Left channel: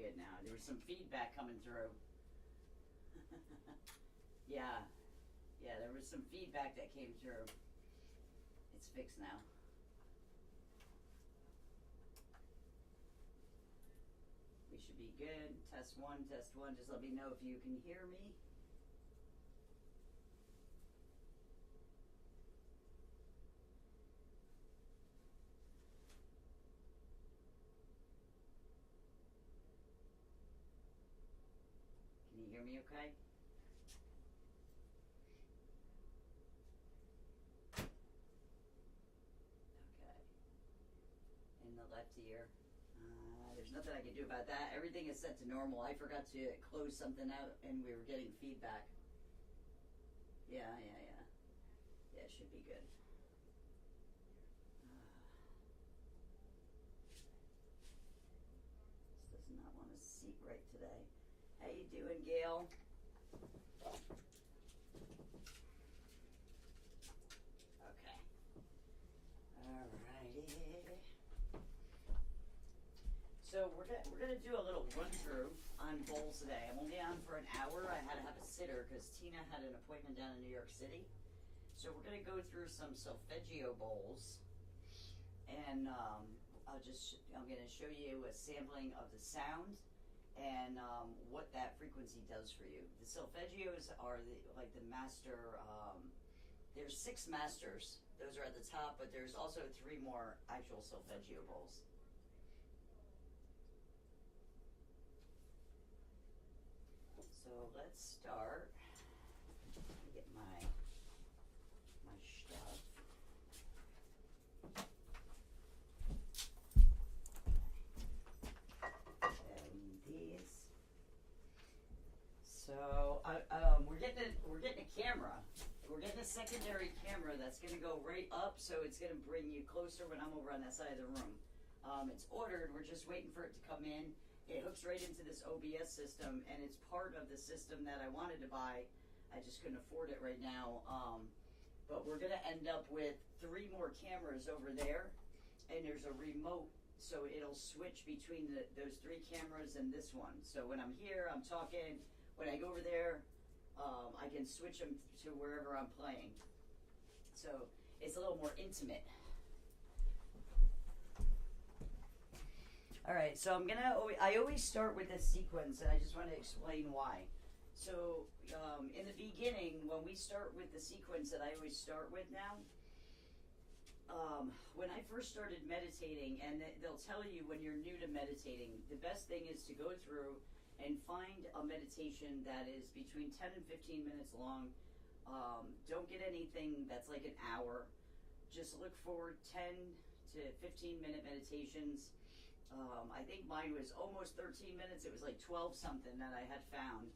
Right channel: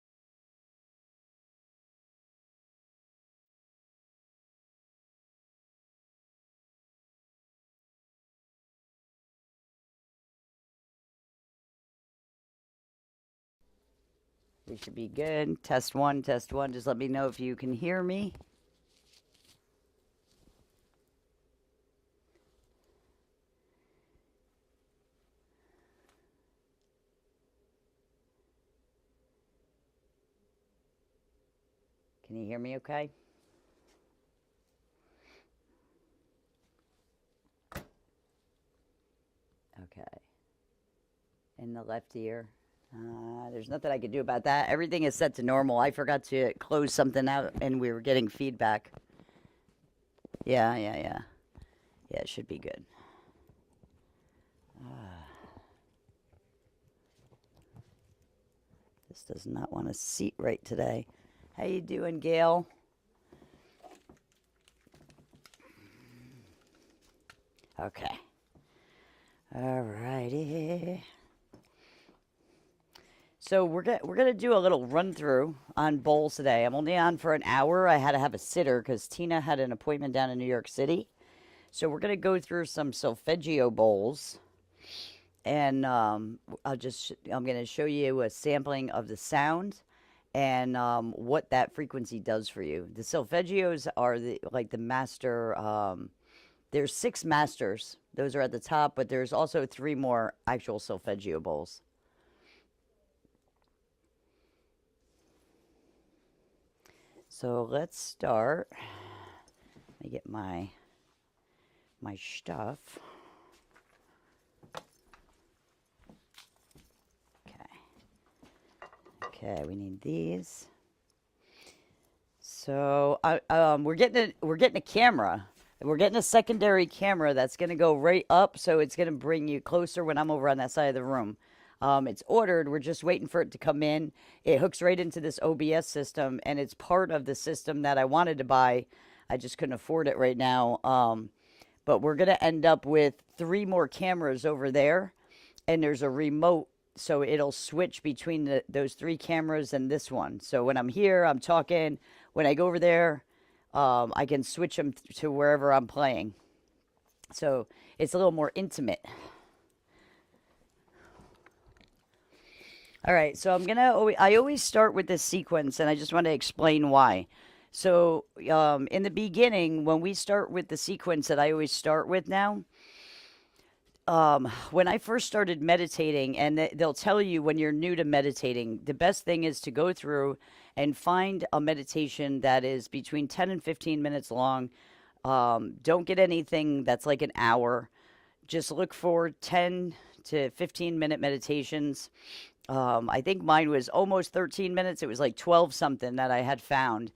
good now. There was some feedback coming through. Yeah, yeah, there was some feedback that came through. It's fixed now. We should be good. Test one, test one. Just let me know if you can hear me. Can you hear me okay? Okay. In the left ear. There's nothing I can do about that. Everything is set to normal. I forgot to close something out and we were getting feedback. Yeah, yeah, yeah. Yeah, it should be good. This does not want to seat right today. How you doing, Gail? Okay. All righty. So we're gonna do a little run through on bowls today. I'm only on for an hour. I had to have a sitter because Tina had an appointment down in New York City. So we're gonna go through some solfeggio bowls, and I'm gonna show you a sampling of the sound and what that frequency does for you. The solfeggios are the master. There's six masters. Those are at the top, but there's also three more actual solfeggio bowls. So let's start. Let me get my stuff. Okay. Okay, we need these. So we're getting a camera. We're getting a secondary camera that's going to go right up, so it's going to bring you closer when I'm over on that side of the room. It's ordered. We're just waiting for it to come in. It hooks right into this OBS system, and it's part of the system that I wanted to buy. I just couldn't afford it right now. But we're going to end up with three more cameras over there, and there's a remote, so it'll switch between those three cameras and this one. So when I'm here, I'm talking. When I go over there, I can switch them to wherever I'm playing. So it's a little more intimate. All right, so I always start with this sequence, and I just want to explain why. So, in the beginning, when we start with the sequence that I always start with now, when I first started meditating, and they'll tell you when you're new to meditating, the best thing is to go through and find a meditation that is between 10 and 15 minutes long. Don't get anything that's like an hour. Just look for 10 to 15-minute meditations. I think mine was almost 13 minutes. It was like 12 something that I had found.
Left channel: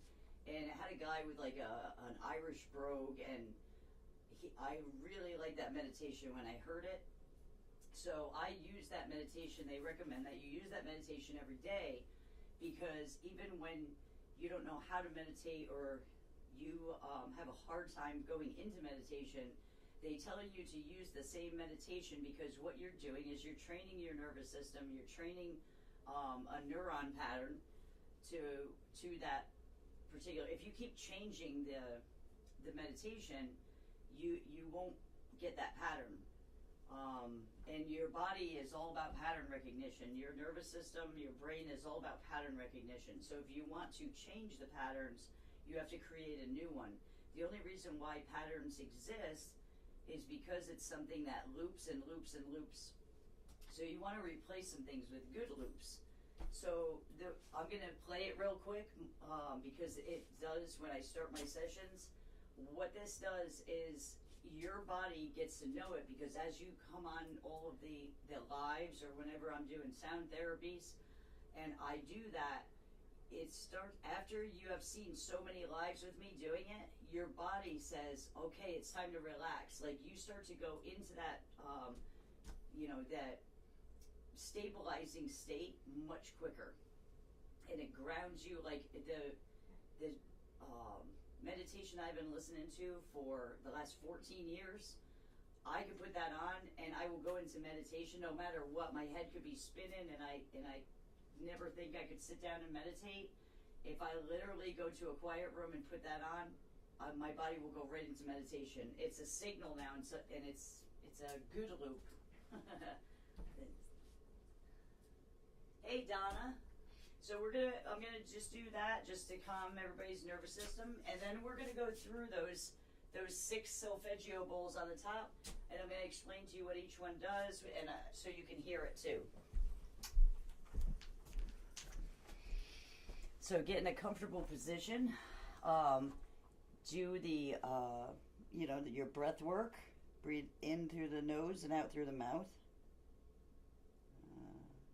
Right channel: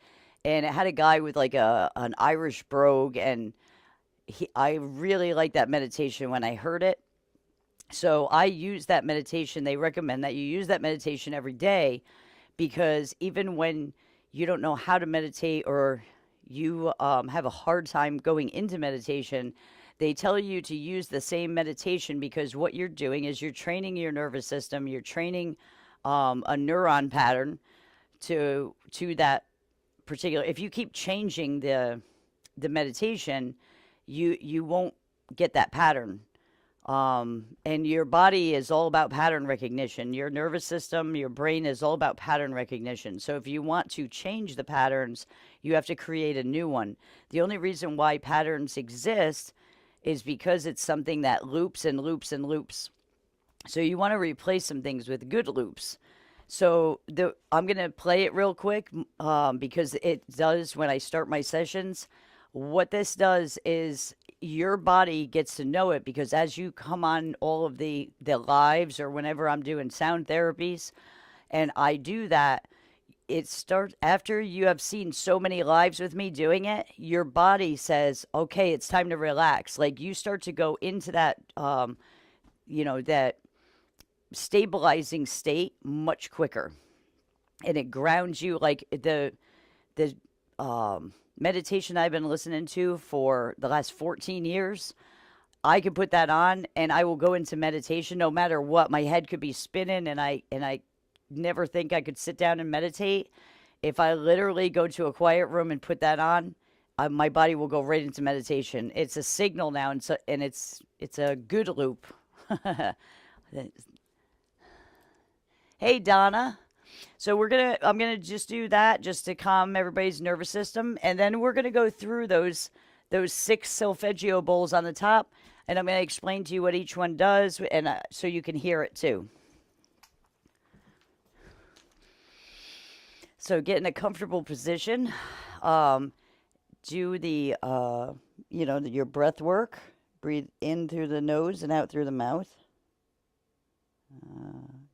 And it had a guy with like an Irish brogue, and I really liked that meditation when I heard it. So I use that meditation. They recommend that you use that meditation every day, because even when you don't know how to meditate, or you have a hard time going into meditation, they tell you to use the same meditation, because what you're doing is you're training your nervous system, you're training a neuron pattern to that particular. If you keep changing the meditation, you won't get that pattern. And your body is all about pattern recognition. Your nervous system, your brain is all about pattern recognition. So if you want to change the patterns, you have to create a new one. The only reason why patterns exist is because it's something that loops and loops and loops. So you want to replace some things with good loops. So I'm going to play it real quick, because it does when I start my sessions. What this does is your body gets to know it, because as you come on all of the lives, or whenever I'm doing sound therapies and I do that, it starts after you have seen so many lives with me doing it. Your body says, okay, it's time to relax. Like, you start to go into that that stabilizing state much quicker, and it grounds you. Like the meditation I've been listening to for the last 14 years, I can put that on and I will go into meditation no matter what. My head could be spinning, and I never think I could sit down and meditate, if I literally go to a quiet room and put that on, my body will go right into meditation. It's a signal now, and so and it's a good loop. Hey Donna. So I'm gonna just do that just to calm everybody's nervous system, and then we're gonna go through those six solfeggio bowls on the top, and I'm gonna explain to you what each one does, and so you can hear it too. So get in a comfortable position. Um, do the your breath work. Breathe in through the nose and out through the mouth.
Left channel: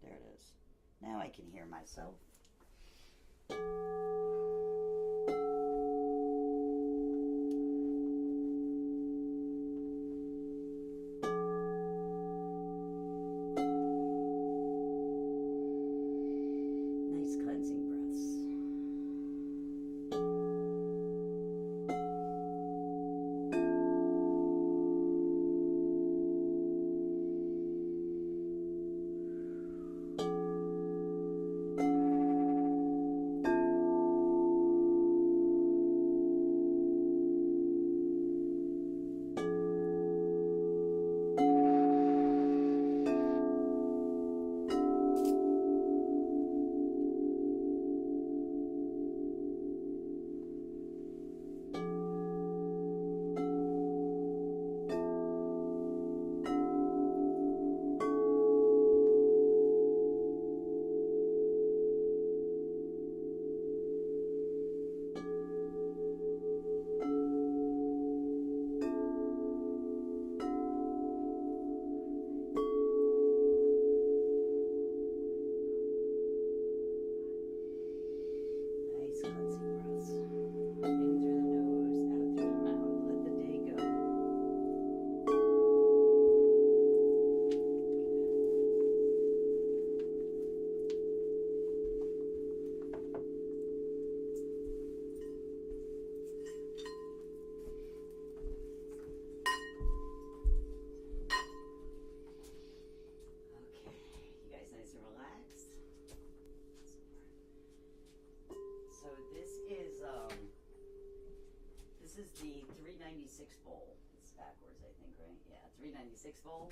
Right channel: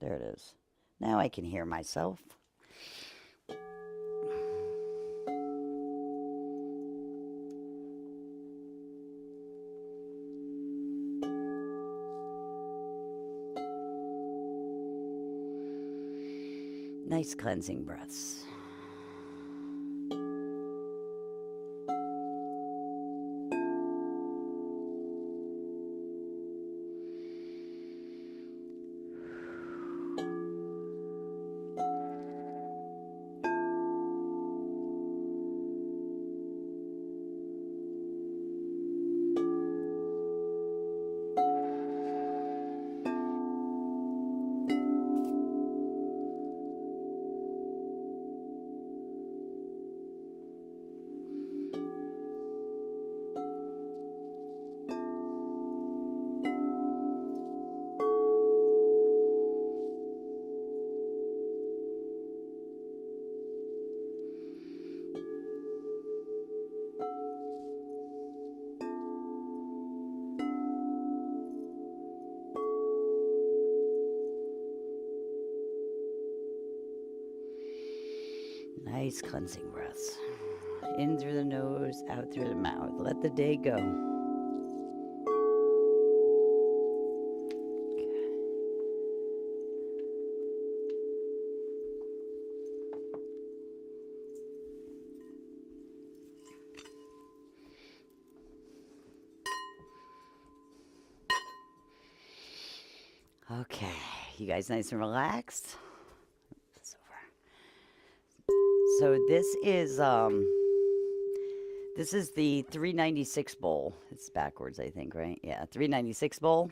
There it is. Now I can hear myself. Nice cleansing breaths. Nice cleansing breaths. In through the nose, out through the mouth. Let the day go. Okay, you guys nice and relaxed? So this is the 396 bowl. It's backwards, I think, right? Yeah, 396 bowl.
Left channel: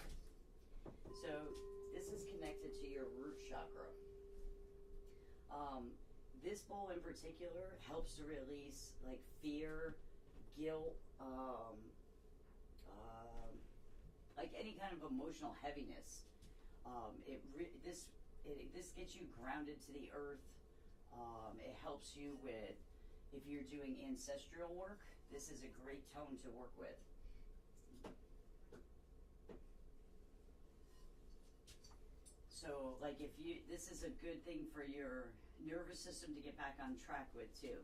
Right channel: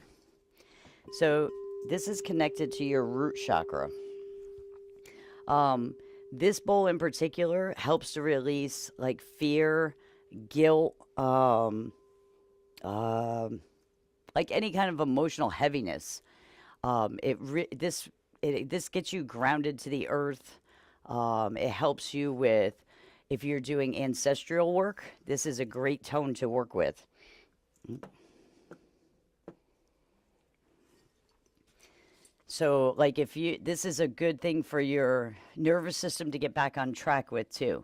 So this is connected to your root chakra. This bowl in particular helps to release like fear, guilt, like any kind of emotional heaviness. This gets you grounded to the earth. It helps you with if you're doing ancestral work. This is a great tone to work with. So, like, this is a good thing for your nervous system to get back on track with too.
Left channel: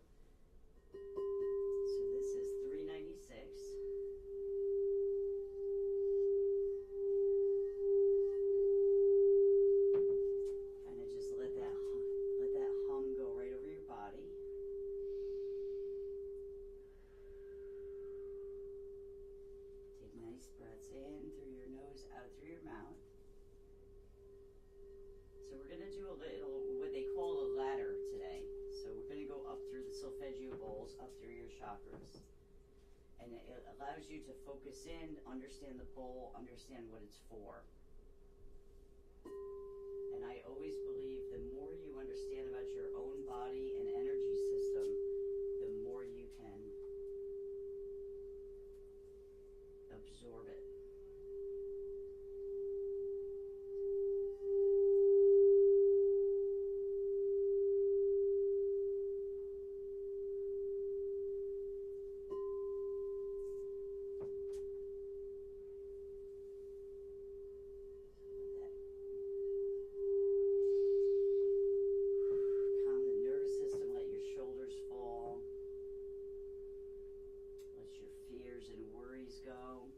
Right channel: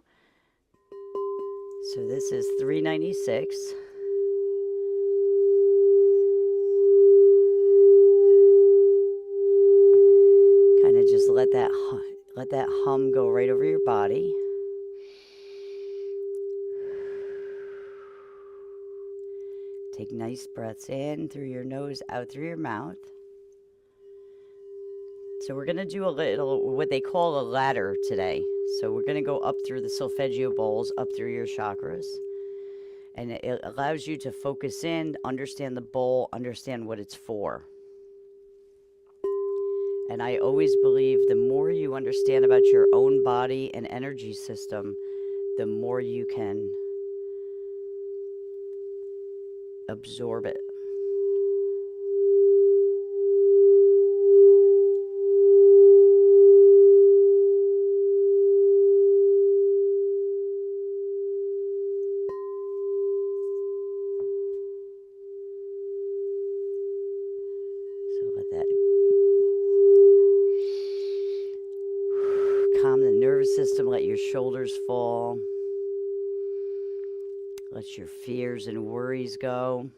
So this is 396. Kind of just let that hum go right over your body. Take nice breaths in through your nose, out through your mouth. So we're going to do a little, what they call a ladder today. So we're going to go up through the solfeggio bowls, up through your chakras. And it allows you to focus in, understand the bowl, understand what it's for. And I always believe the more you understand about your own body and energy system, the more you can absorb it. So let that calm the nervous system, let your shoulders fall. Let your fears and worries go.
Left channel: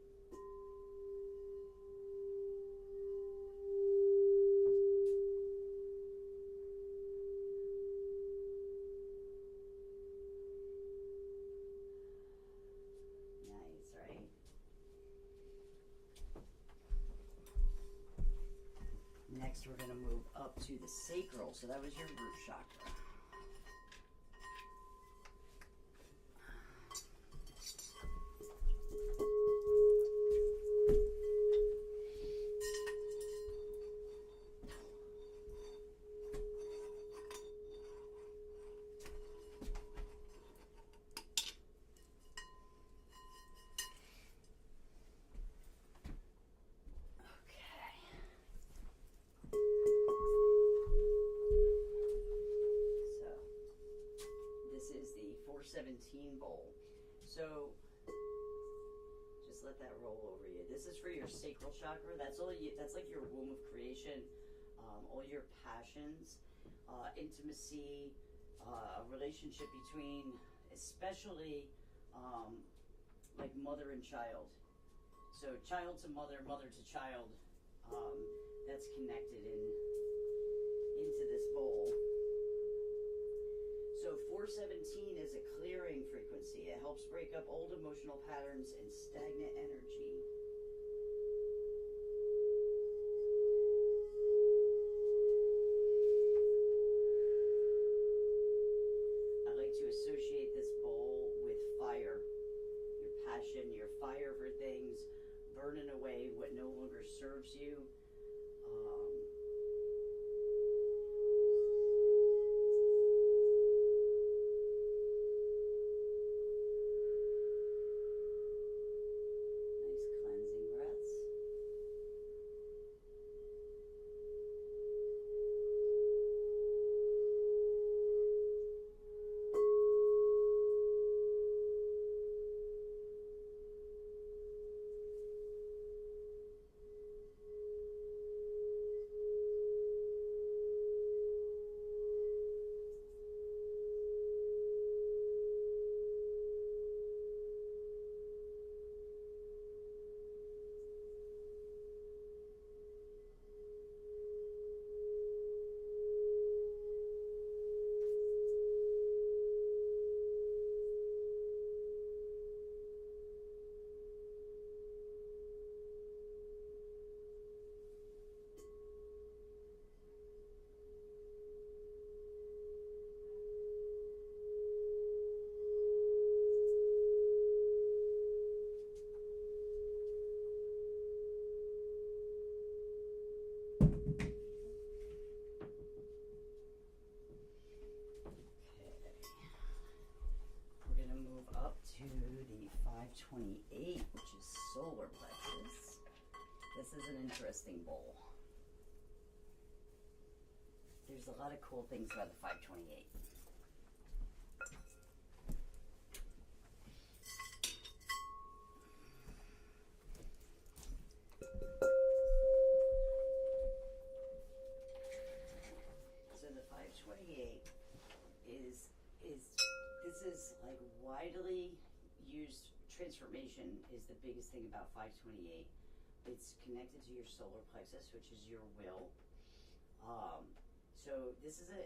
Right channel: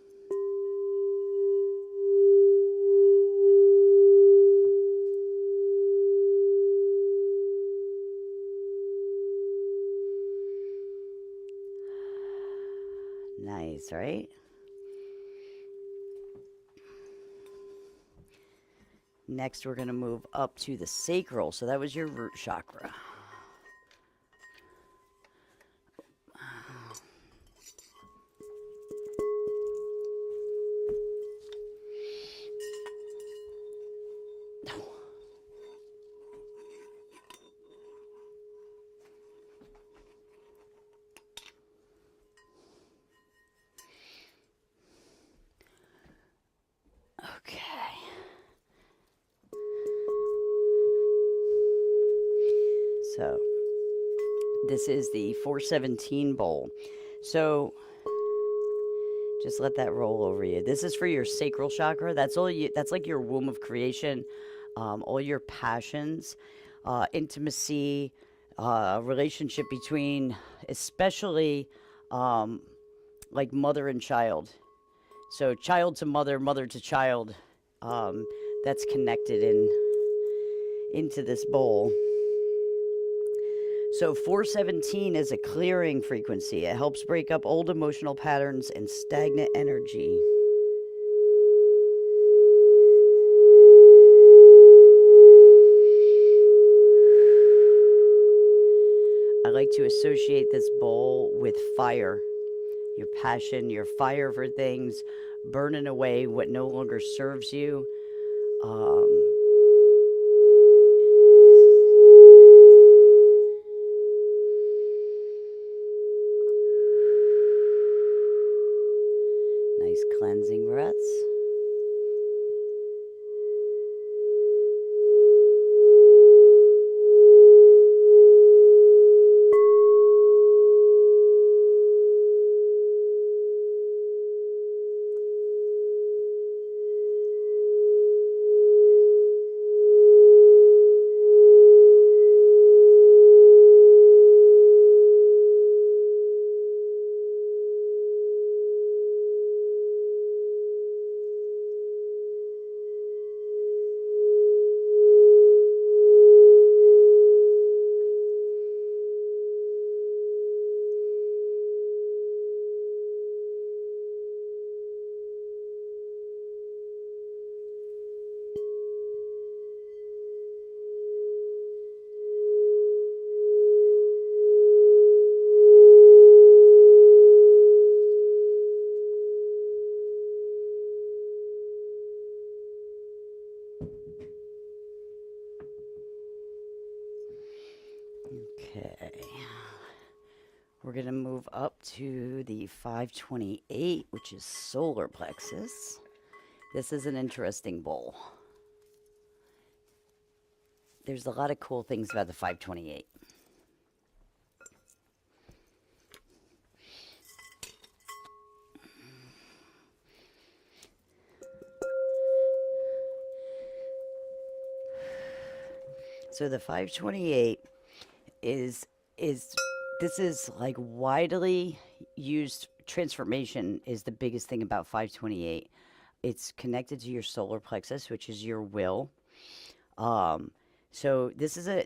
Nice, right? Next, we're going to move up to the sacral. So that was your root chakra. So this is the 417 bowl. So just let that roll over you. This is for your sacral chakra. That's all you. That's like your womb of creation. All your passions, intimacy, relationship between, especially like mother and child. So child to mother, mother to child. That's connected into this bowl. So 417 is a clearing frequency. It helps break up old emotional patterns and stagnant energy. I like to associate this bowl with fire. Your passion, your fire for things, burning away what no longer serves you. Nice cleansing breaths. Okay. We're going to move up to the 528, which is solar plexus. This is an interesting bowl. There's a lot of cool things about the 528. So the 528 is this is like widely used. Transformation is the biggest thing about 528. It's connected to your solar plexus, which is your will. So this is a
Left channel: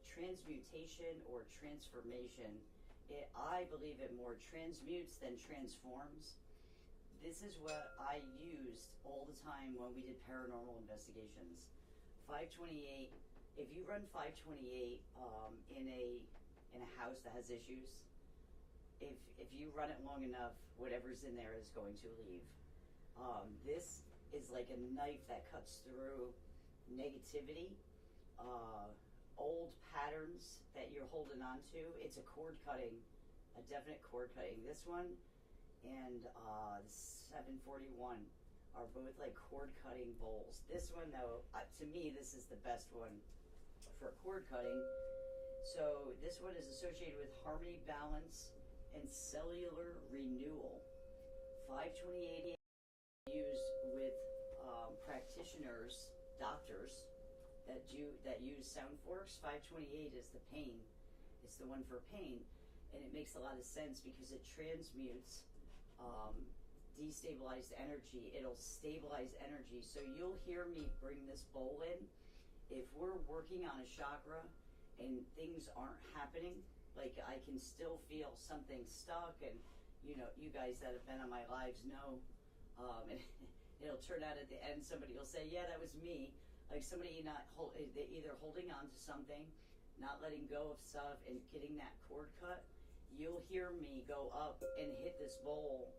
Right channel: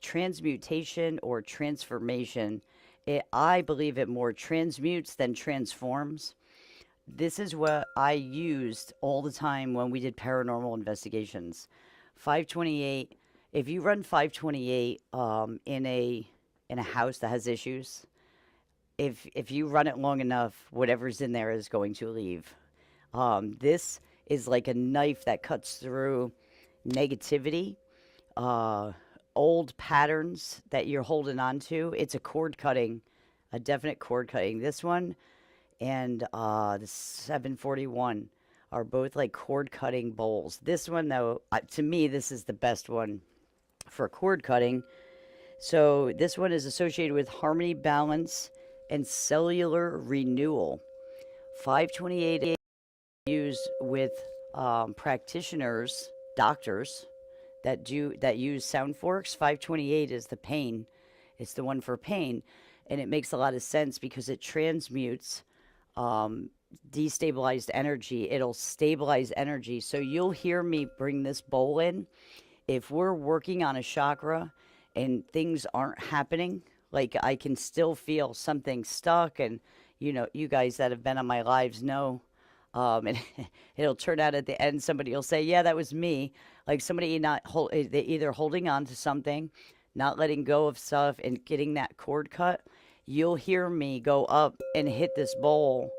transmutation or transformation. I believe it more transmutes than transforms. This is what I used all the time when we did paranormal investigations. 528. If you run 528 in a house that has issues, if you run it long enough, whatever's in there is going to leave. This is like a knife that cuts through negativity, old patterns that you're holding on to. It's a cord cutting, a definite cord cutting. This one and the 741 are both like cord cutting bowls. This one, though, to me, this is the best one for cord cutting. So this one is associated with harmony, balance, and cellular renewal. 528 is used with practitioners, doctors that use sound forks. 528 is the pain. It's the one for pain, and it makes a lot of sense because it transmutes destabilized energy. It'll stabilize energy. So you'll hear me bring this bowl in. If we're working on a chakra and things aren't happening, like I can still feel something stuck, and you guys that have been on my lives know, and it'll turn out at the end somebody will say, yeah, that was me. like somebody not hold, they either holding on to something, not letting go of stuff, and getting that cord cut. You'll hear me go up and hit this bowl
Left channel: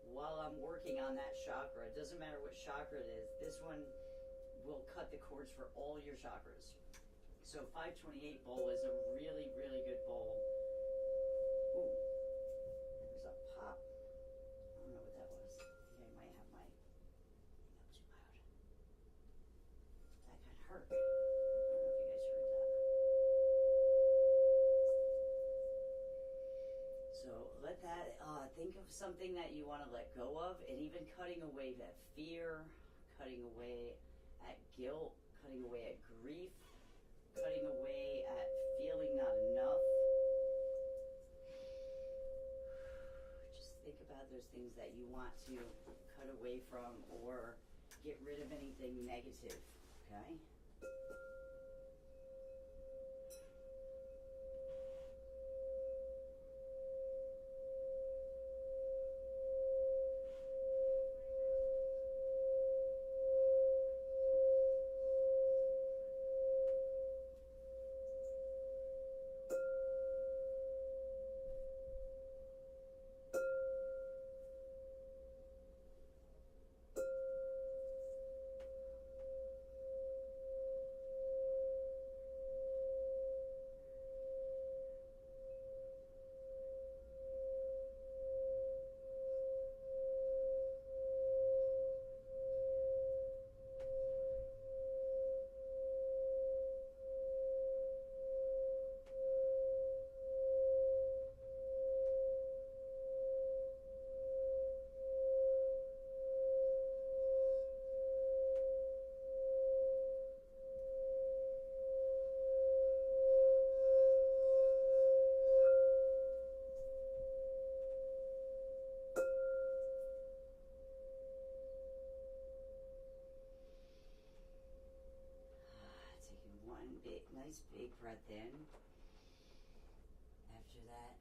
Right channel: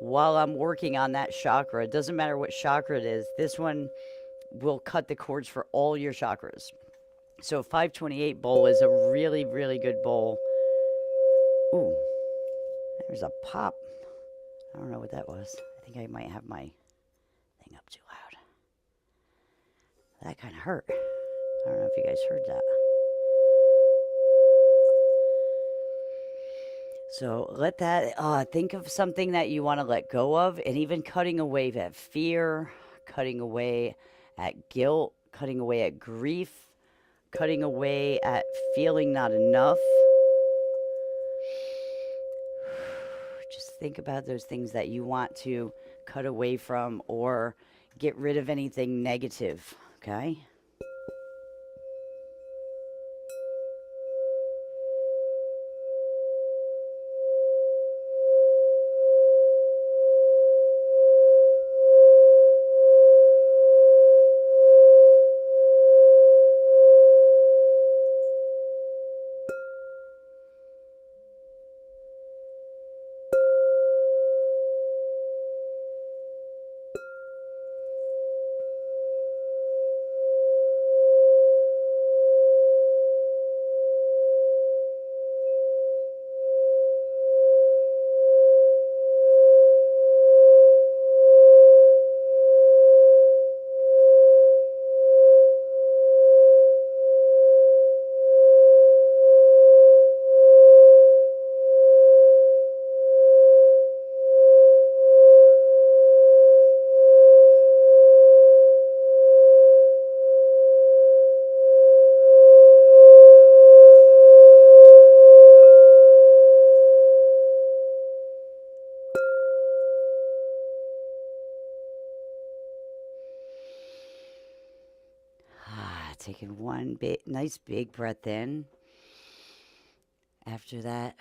while I'm working on that chakra. It doesn't matter what chakra it is. This one will cut the cords for all your chakras. So 528 bowl is a really, really good bowl. Ooh, there's a pop. I don't know what that was. I think I might have my thing up too loud. That kind of hurt. I don't know if you guys heard that. So let that, think of something that you want to let go of, and even cutting away that fear, cutting away at guilt, cutting away at grief, cutting away at feeling not enough. Just think about those things that you want to cut away from or get rid of anything negative, okay? Taking one big, nice big breath in after that,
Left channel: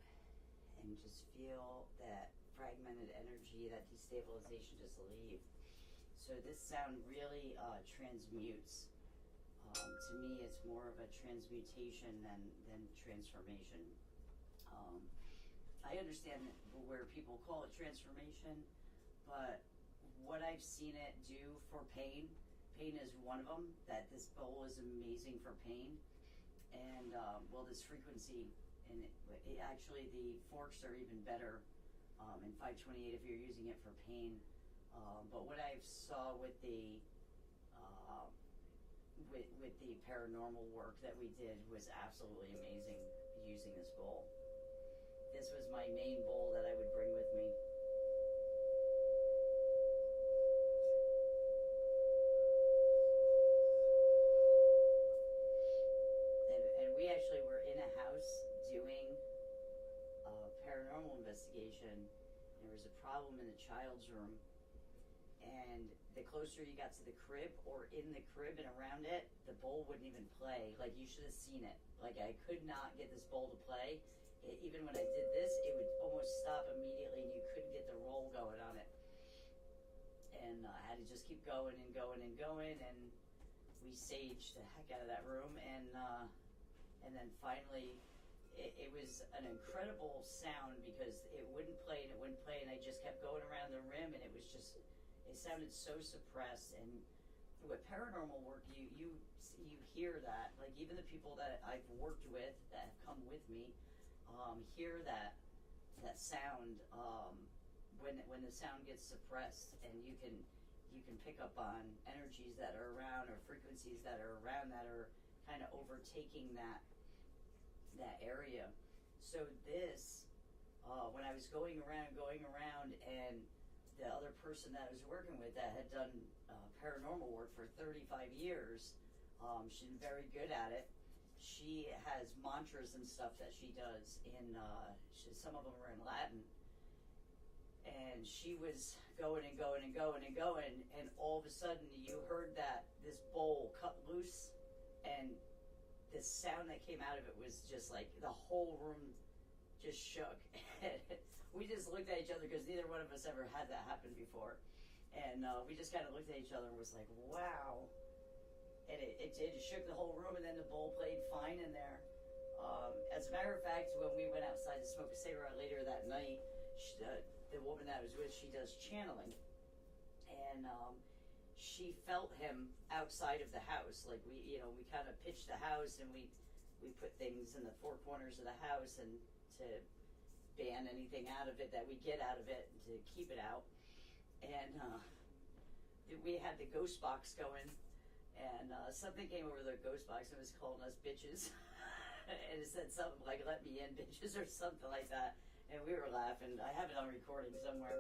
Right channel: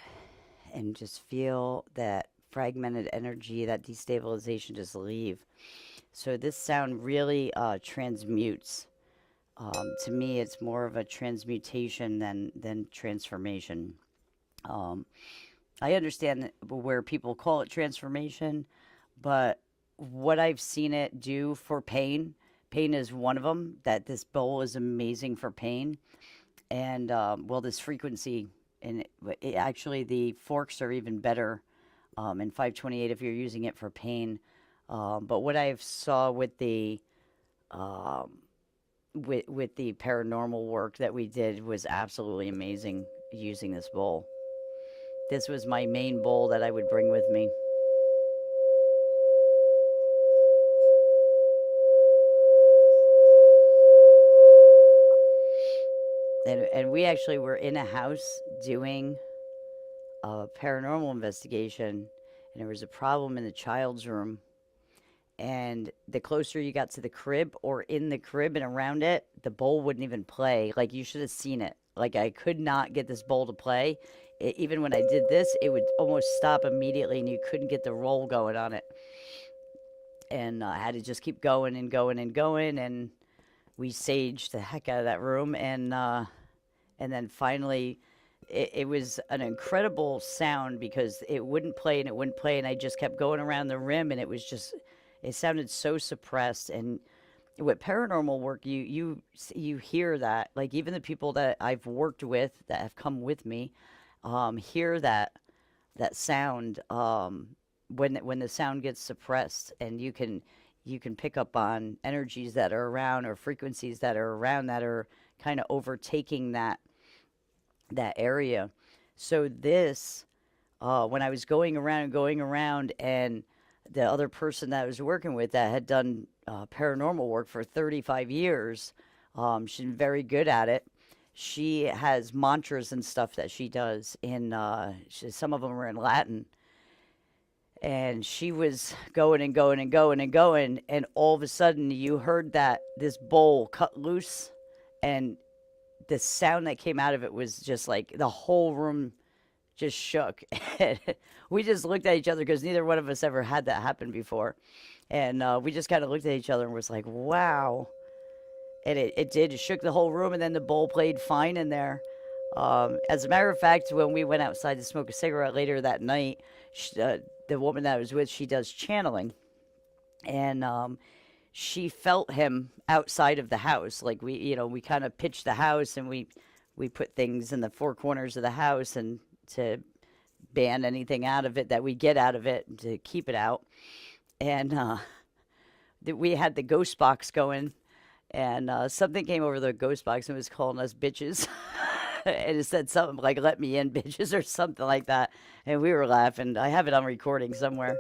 and just feel that fragmented energy, that destabilization just leave. So this sound really transmutes. To me, it's more of a transmutation than transformation. Um, I understand where people call it transformation, but what I've seen it do for pain, pain is one of them. That this bowl is amazing for pain, and well, this frequency, and actually the forks are even better in 528 if you're using it for pain. But what I saw with the um, with the paranormal work that we did was absolutely amazing using this bowl. This was my main bowl that I would bring with me. And we actually were in a house doing a paranormal investigation, and there was a problem in the child's room. And the closer you got to the crib or in the crib and around it, the bowl wouldn't even play. Like, you should have seen it. Like, I could not get this bowl to play. Even when I did this, it would almost stop immediately, and you couldn't get the roll going on it. And I had to just keep going and going and going, and we saged the heck out of that room, and then finally it was an incredible sound because it wouldn't play and it wouldn't play, and I just kept going around the rim, and it was just, it sounded so suppressed. And with paranormal work, you hear that, like, even the people that I've worked with that have come with me hear that sound when the sound gets suppressed, and you can pick up on energies that are around or frequencies that are around that are kind of overtaking that area. So this, when I was going around and going around, and the other person that I was working with that had done paranormal work for 35 years, she's very good at it. She has mantras and stuff that she does in, some of them are in Latin, and she was going and going and going and going, and all of a sudden you heard that this bowl cut loose, and the sound that came out of it was just like the whole room just shook. And we just looked at each other because neither one of us ever had that happen before, and we just kind of looked at each other and was like, wow. And it did. It shook the whole room, and then the bowl played fine in there. As a matter of fact, when we went outside to smoke a cigarette later that night, the woman that I was with, she does channeling, and she felt him outside of the house. Like we kind of pitched the house, and we put things in the four corners of the house, and to ban anything out of it that we get out of it to keep it out. And we had the ghost box going, and something came over the ghost box and was calling us bitches. And it said something like "let me in, bitches" or something like that. And we were laughing. I have it on recording somewhere.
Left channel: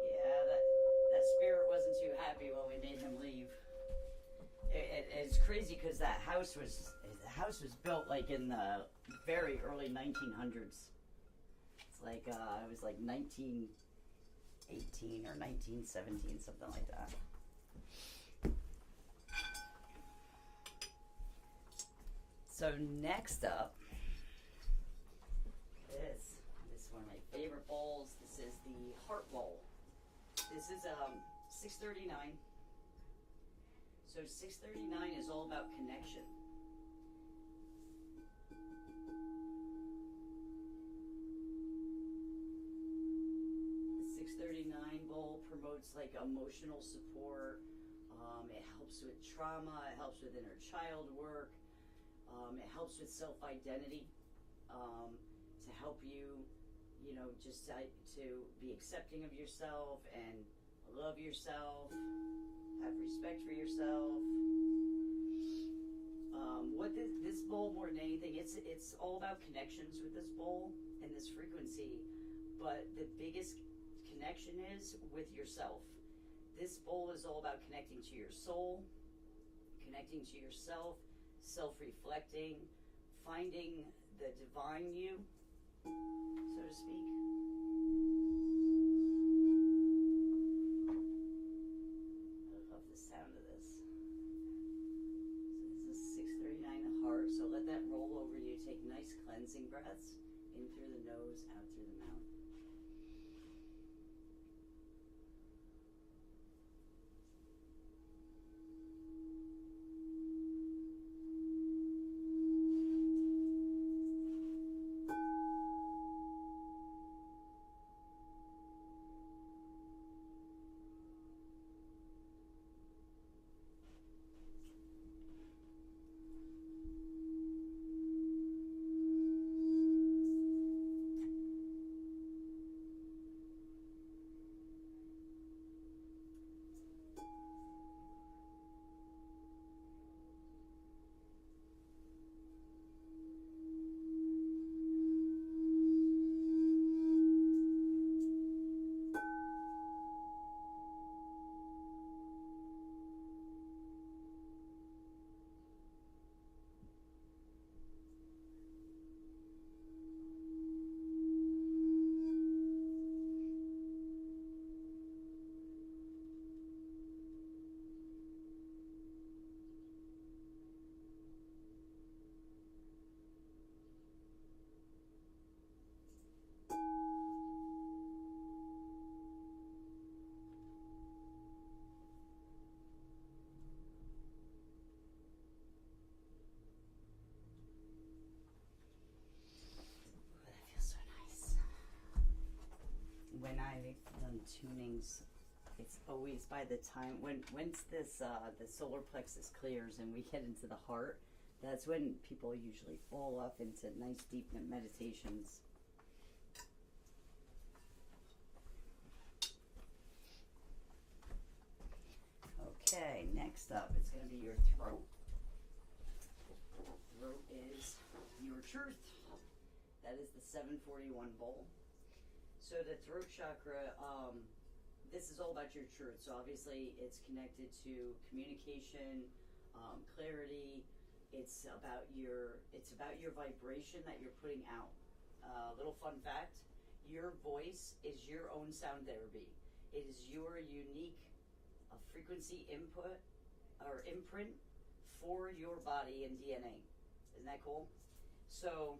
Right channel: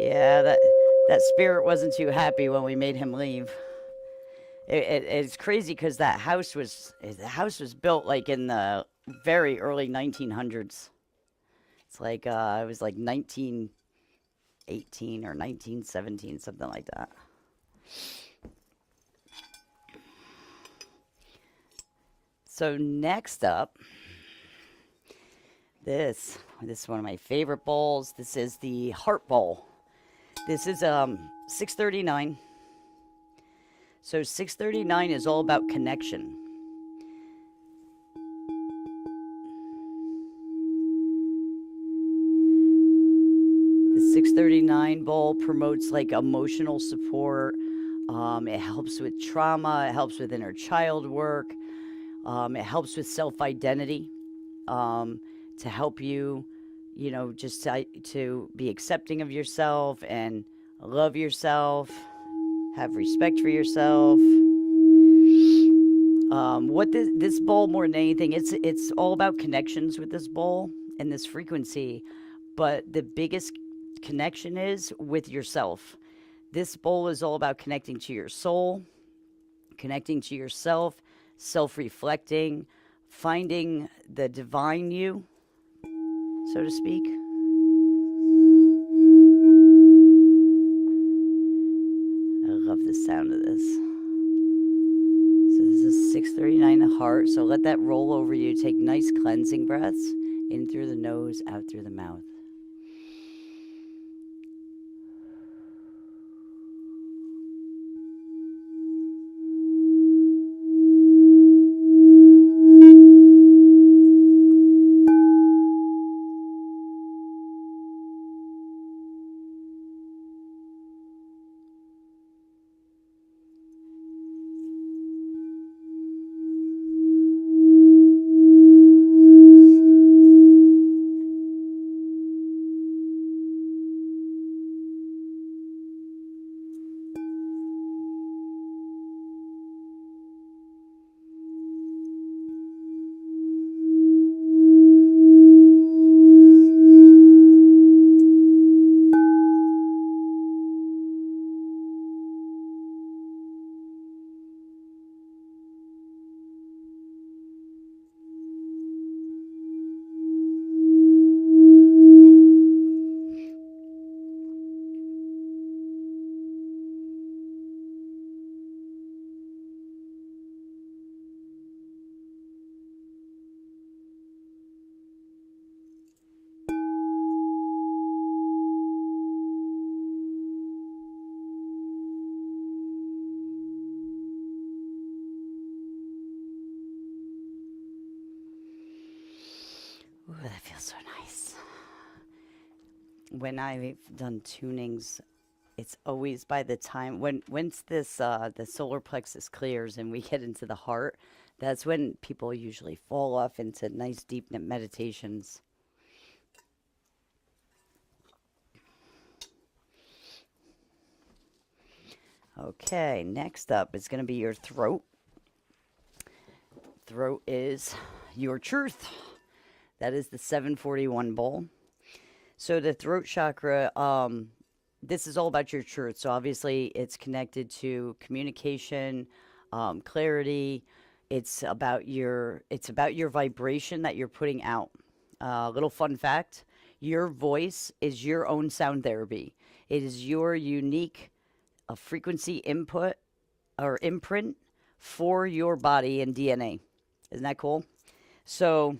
Yeah, that spirit wasn't too happy when we made him leave. It's crazy because the house was built like in the very early 1900s. It's like it was like 1918 or 1917, something like that. So next up, this is one of my favorite bowls. This is the Heart Bowl. This is 639. So 639 is all about connection. The 639 bowl promotes like emotional support. It helps with trauma. It helps with inner child work. It helps with self identity, to help you, just to be accepting of yourself and love yourself, have respect for yourself. What this bowl more than anything, it's all about connections with this bowl and this frequency, but the biggest connection is with yourself. This bowl is all about connecting to your soul, connecting to yourself, self reflecting, finding the divine you, so to speak. I love the sound of this. So this is 639 the heart. So let that roll over you. Take nice cleansing breaths in through the nose, out through the mouth. Ooh, that feels so nice. When I've done tunings, it's always by the time once this the solar plexus clears and we get into the heart, that's when people usually fall off into nice deep meditations. Okay, next up it's going to be your throat. Throat is your truth. That is the 741 bowl. So the throat chakra, this is all about your truth. So obviously, it's connected to communication, clarity. It's about your vibration that you're putting out. Little fun fact: your voice is your own sound therapy. It is your unique frequency input or imprint for your body and DNA. Isn't that cool? So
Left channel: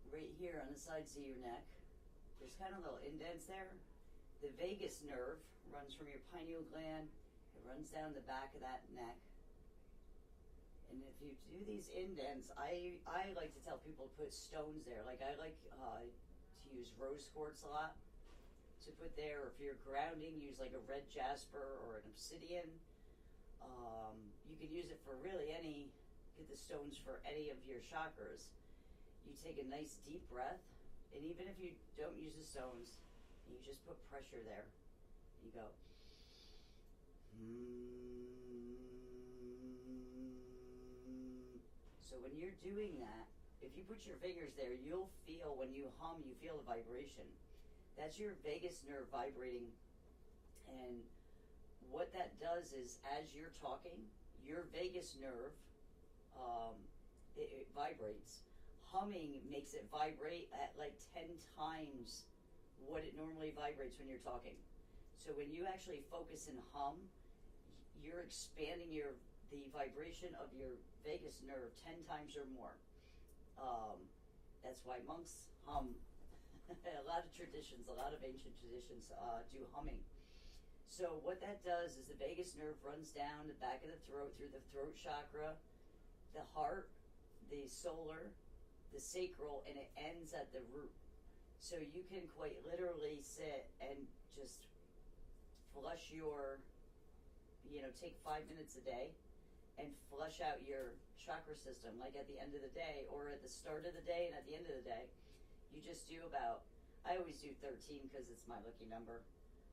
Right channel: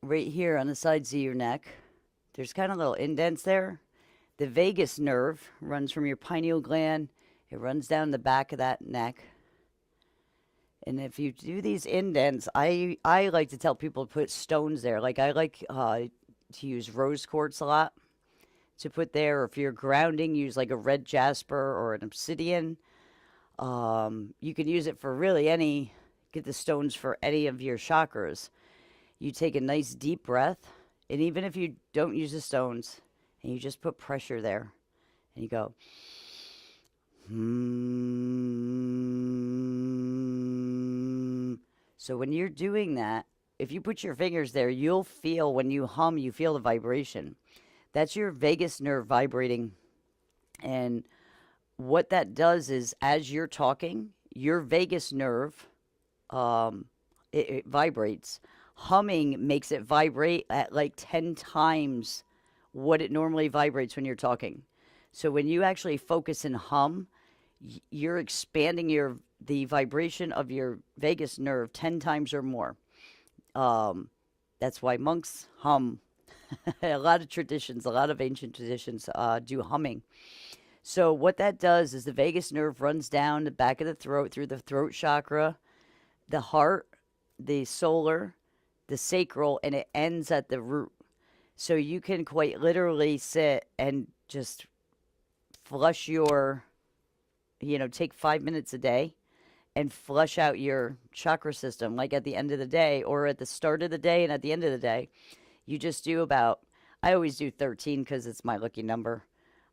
right here on the sides of your neck, there's kind of little indents there. The vagus nerve runs from your pineal gland. It runs down the back of that neck. And if you do these indents, I like to tell people to put stones there. Like I like to use rose quartz a lot to put there. Or if you're grounding, use like a red jasper or an obsidian. You can use it for really any, get the stones for any of your chakras. You take a nice deep breath, and even if you don't use the stones, and you just put pressure there, and you go, hmm. So when you're doing that, if you put your fingers there, you'll feel when you hum, you feel the vibration. That's your vagus nerve vibrating. And what that does is, as you're talking, your vagus nerve, it vibrates. Humming makes it vibrate at like 10 times what it normally vibrates when you're talking. So when you actually focus and hum, you're expanding the vibration of your vagus nerve 10 times or more. That's why monks hum. A lot of traditions, a lot of ancient traditions do humming. So what that does is the vagus nerve runs down the back of the throat through the throat chakra, the heart, the solar, the sacral, and it ends at the root. So you can quite literally sit and just flush take 5 minutes a day and flush out your chakra system, like at the end of the day or at the start of the day and at the end of the day. You just do I always do 13 because it's my lucky number.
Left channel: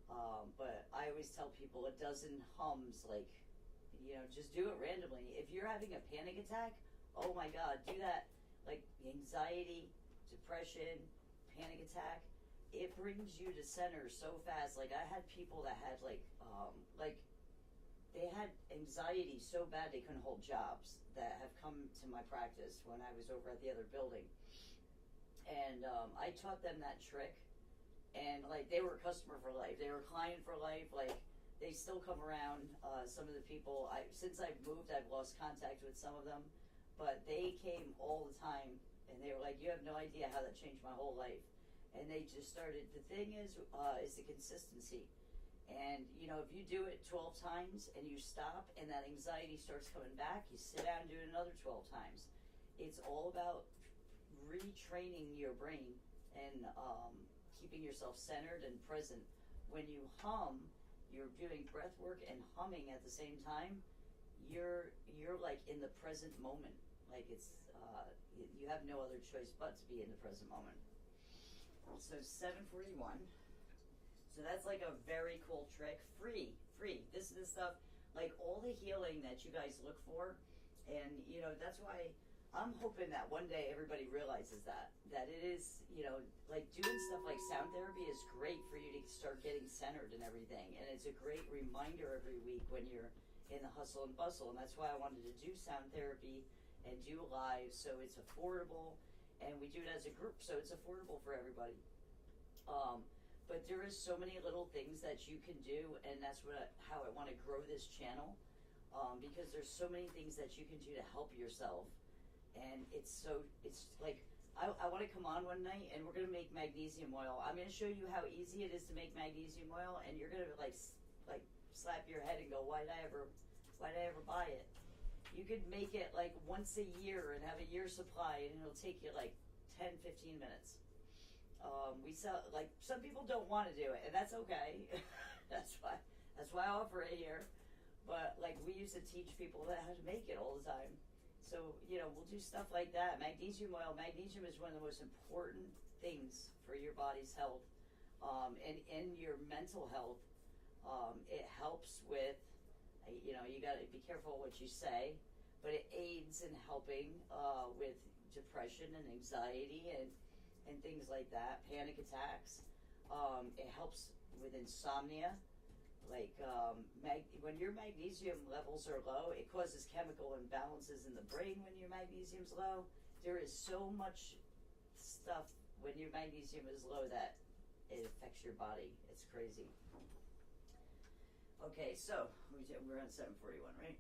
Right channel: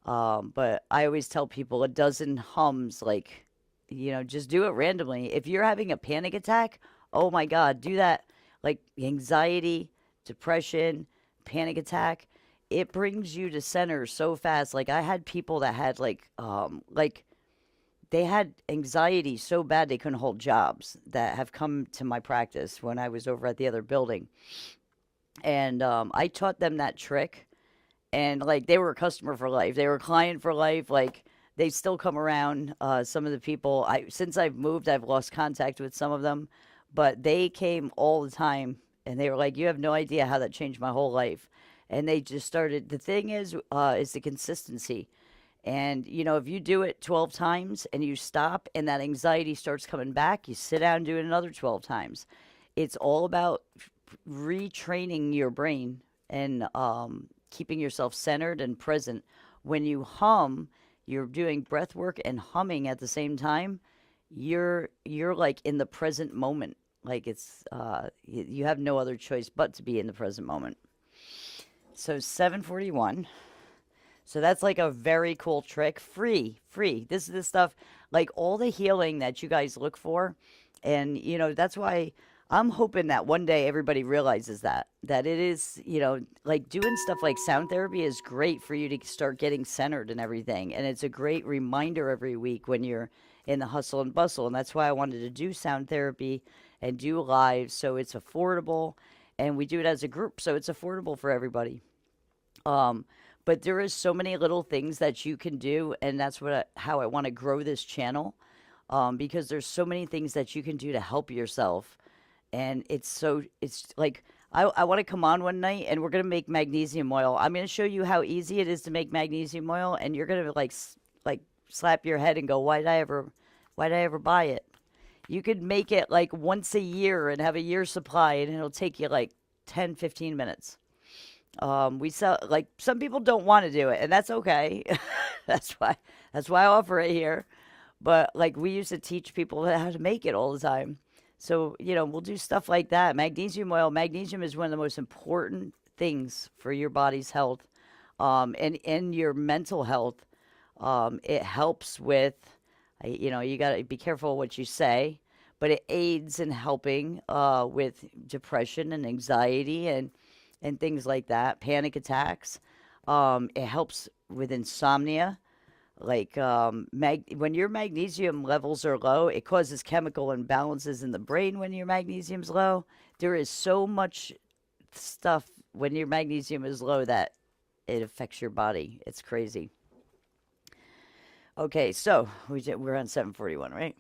But I always tell people a dozen hums, just do it randomly. If you're having a panic attack, oh my God, do that. Like anxiety, depression, panic attack, it brings you to center so fast. Like I had people that had they had anxiety so bad they couldn't hold jobs that have come to my practice when I was over at the other building. And I taught them that trick, and like they were a customer for life. They were a client for life. Like they still come around. Some of the people, since I've moved, I've lost contact with some of them, but they came all the time, and they were like, "You have no idea how that changed my whole life." And they just started. The thing is the consistency. And if you do it 12 times and you stop, and that anxiety starts coming back, you sit down and do it another 12 times. It's all about retraining your brain and keeping yourself centered and present. When you hum, you're doing breath work and humming at the same time. You're like in the present moment. Like it's you have no other choice but to be in the present moment. So 741. So that's like a very cool trick. Free. This is the stuff, like all the healing that you guys look for. And that's why I'm hoping that one day everybody realizes that it is, like doing stuff like sound therapy is great for you to start getting centered and everything. And it's a great reminder every week when you're in the hustle and bustle. And that's why I wanted to do sound therapy and do live, so it's affordable, and we do it as a group, so it's affordable for everybody. But there is so many little things that you can do, and that's how I want to grow this channel, because there's so many things that you can do to help yourself. And it's like I want to come on one night, and we're going to make magnesium oil. I'm going to show you how easy it is to make magnesium oil, and you're going to like slap your head and go, why did I ever buy it? You could make it like once a year and have a year's supply, and it'll take you like 10-15 minutes. We sell, like, some people don't want to do it, and that's okay. that's why I offer it here. But like we used to teach people how to make it all the time. So, we'll do stuff like that. Magnesium oil. Magnesium is one of the most important things for your body's health, and your mental health. It helps with, you got to be careful what you say, but it aids in helping with depression and anxiety and things like that, panic attacks. It helps with insomnia. Like when your magnesium levels are low, it causes chemical imbalances in the brain when your magnesium's low. There is so much stuff when your magnesium is low that it affects your body. It's crazy. Okay, so we're on 741, right?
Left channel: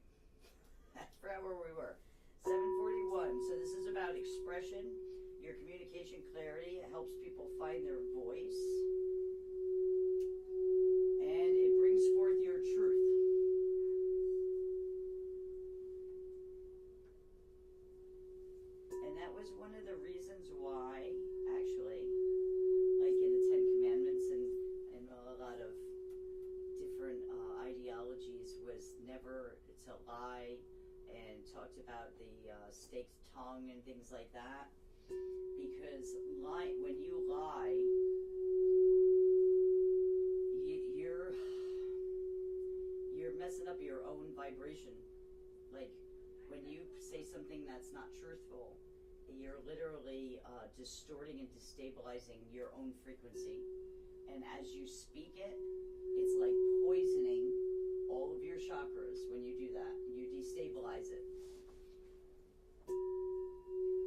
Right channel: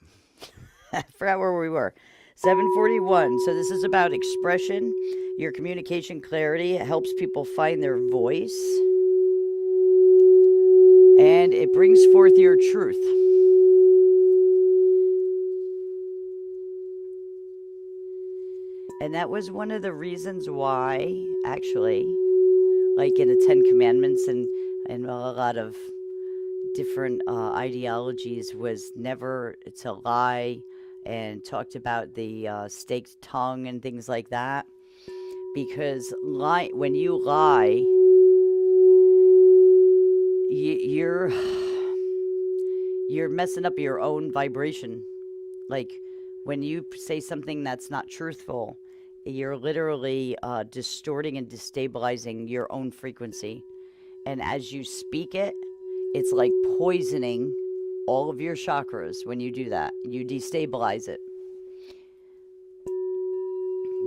I forgot where we were. 741. So this is about expression, your communication clarity. It helps people find their voice. and it brings forth your truth. And that was one of the reasons why, actually, like in the Ten Commandments and a lot of different ideologies, was never to lie, and talked about the staked tongue and things like that. Because when you lie, you're you're messing up your own vibration. Like when you say something that's not truthful, you're literally distorting and destabilizing your own frequency. And as you speak it, it's like poisoning all of your chakras. When you do that, you destabilize it.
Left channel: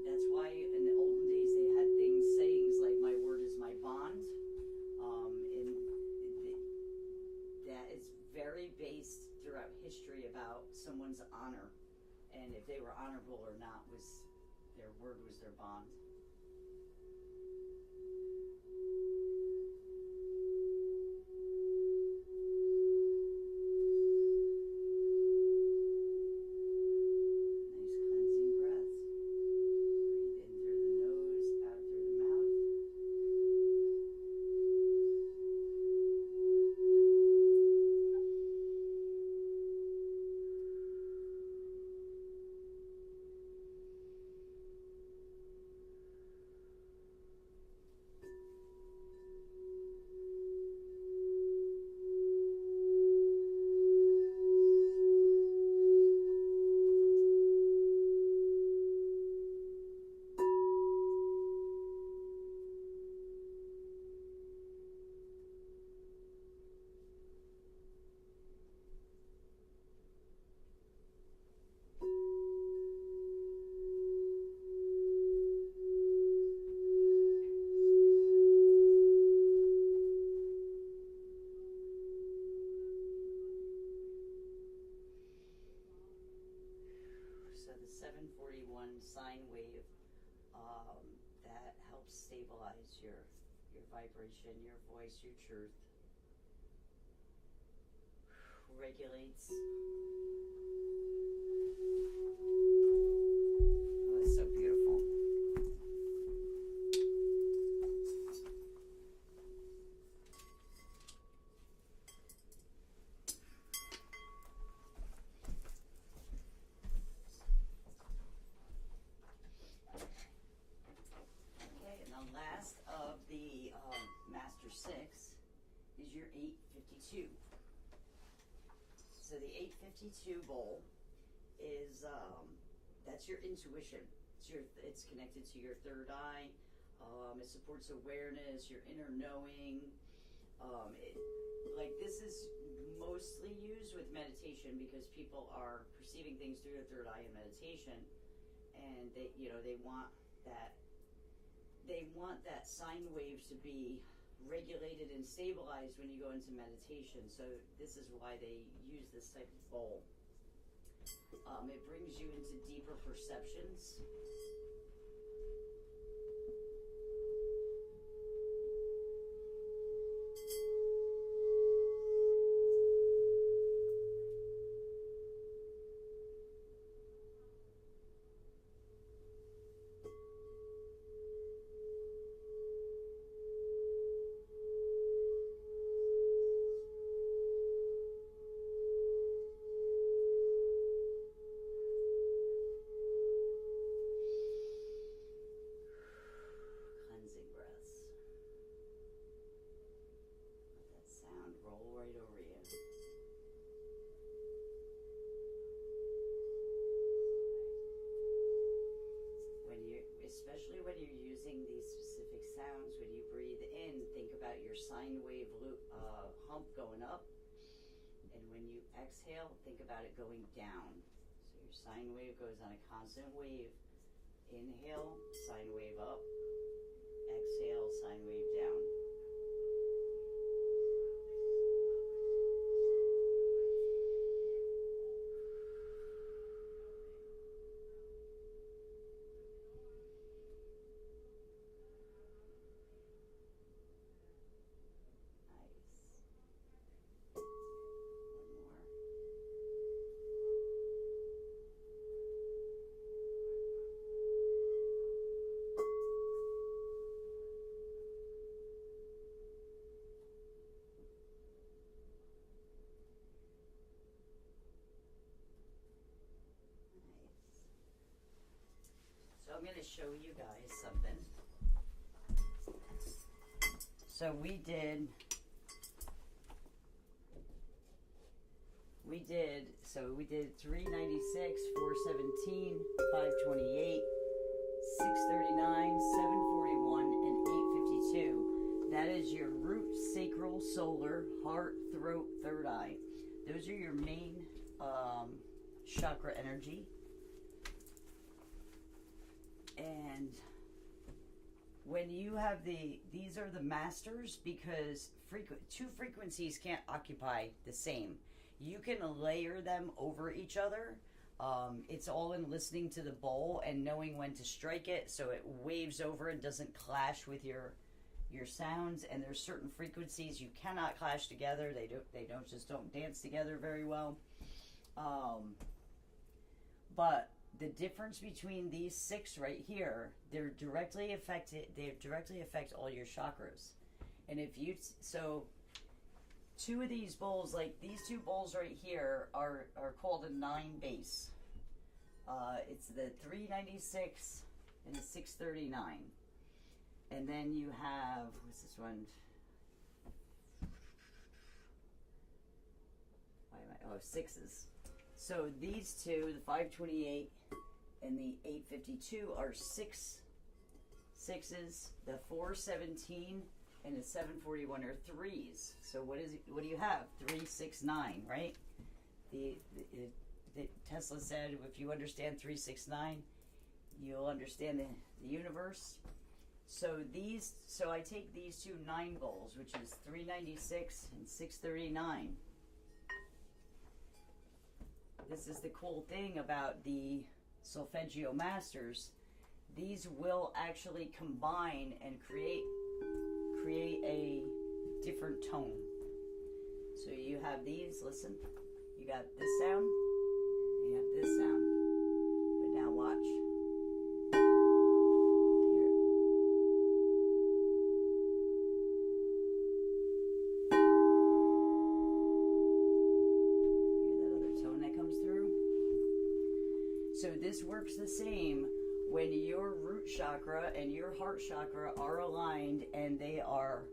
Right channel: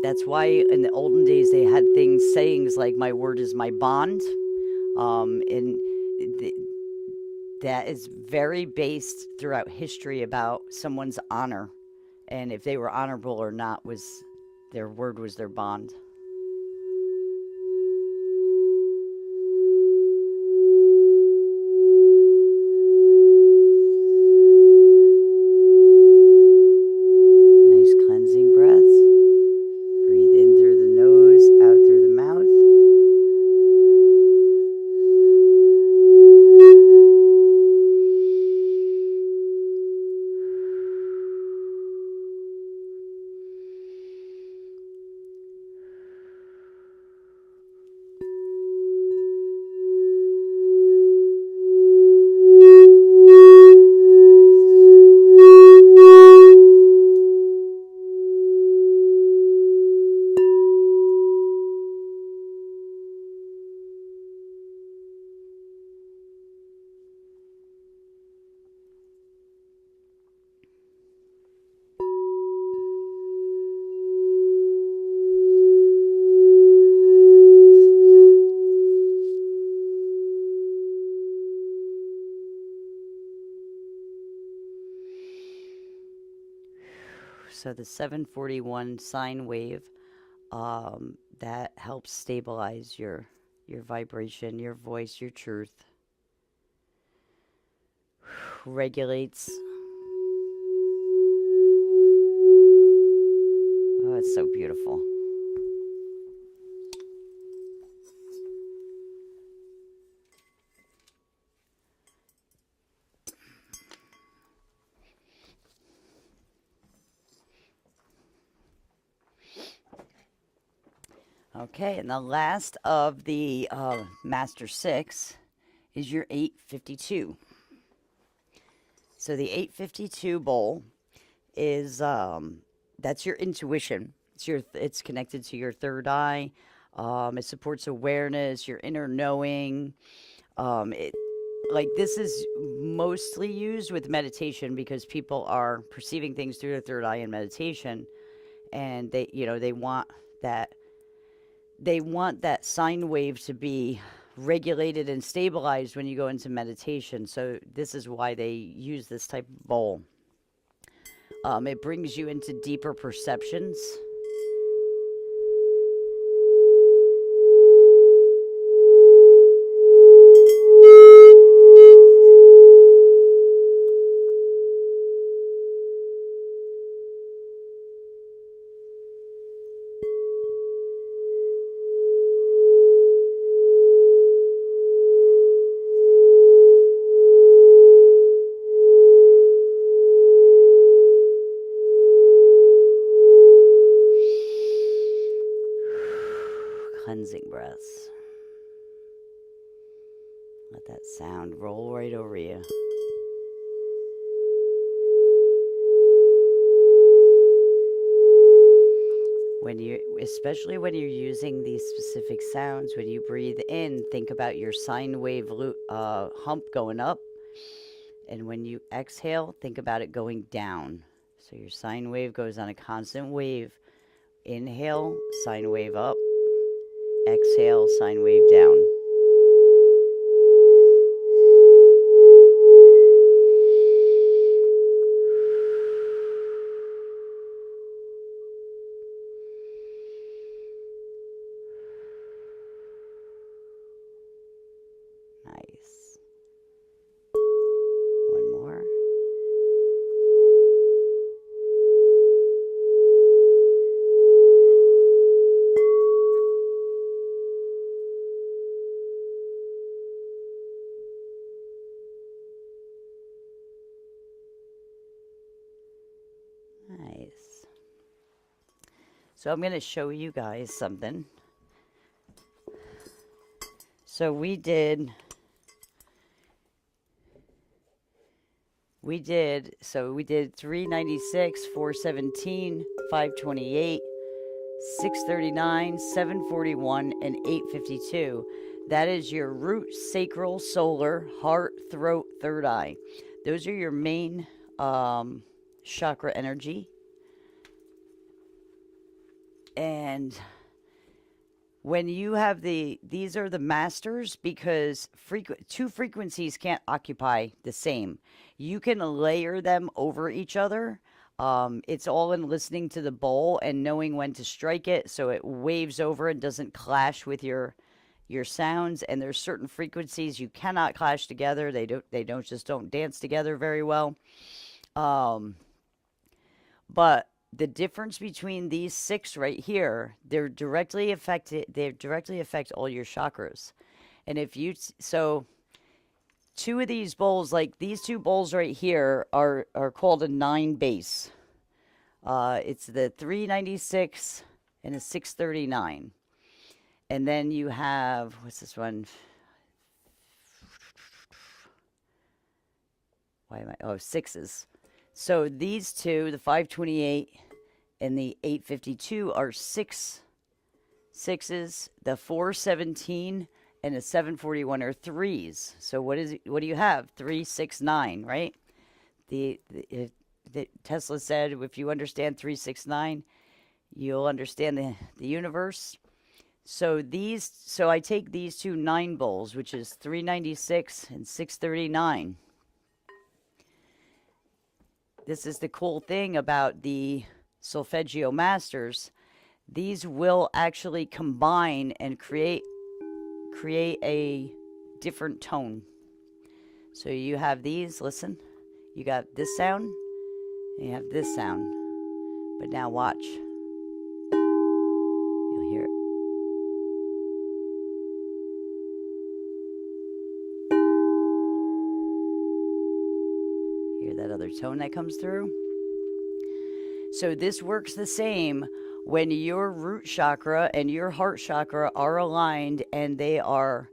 That's why in the olden days they had sayings like "my word is my bond," and th- that is very based throughout history about someone's honor, and if they were honorable or not was their word was their bond. Nice cleansing breaths. Breathe in through the nose, out through the mouth. So the 741 sine wave, that helps stabilize your vibration, your voice, your truth. Regulates. Oh, it's so beautiful. Okay, and the last of the Master Six is your 852. So the 852 bowl is that's your intuition. It's connected to your third eye. It supports awareness, your inner knowing. It like this is mostly used with meditation because people are perceiving things through their third eye in meditation, and they that want that sine wave to be regulated and stabilized when you go into meditation. So this is why they use this type of bowl. It brings you into deeper perceptions. Cleansing breaths. Let that sound roll right over you. Especially when you're using these specific sounds, when you breathe in, think about your sine wave hump going up. And when you exhale, think about it going down. So your sine wave goes on a constant wave. Inhale, sine wave up. Exhale, sine wave down. Nice. So I'm going to show you guys something. So we did 396, 417, 528, 639, 741, and 852. That is your root, sacral, solar, heart, throat, third eye. Those are your main chakra energy. And when you have these are the masters, because two frequencies can't occupy the same. You can layer them over each other. It's all in listening to the bowl and knowing when to strike it so it waves over and doesn't clash with your sounds. And there's certain frequencies you cannot clash together. They don't dance together very well. But the difference between these six right here, they directly affect all your chakras. And if you two of these bowls, like these two bowls right here, are called a 9 base. It's the 396 and a 639. And then you have, what's this one? Sixes. So these two, the 528 and the 852, are sixes. The 417 and the 741 are threes. So what do you have? 3, 6, 9, right? The Tesla said, if you understand 3, 6, 9, you'll understand the universe. So I take these two 9 bowls, which is 396 and 639. This is the cool thing about the Solfeggio Masters. These will actually combine and create a different tone. So you have these, listen. You got this sound, and you have this sound. But now watch. You'll hear it. Hear that other tone that comes through? So this works the same when your root chakra and your heart chakra are aligned and they are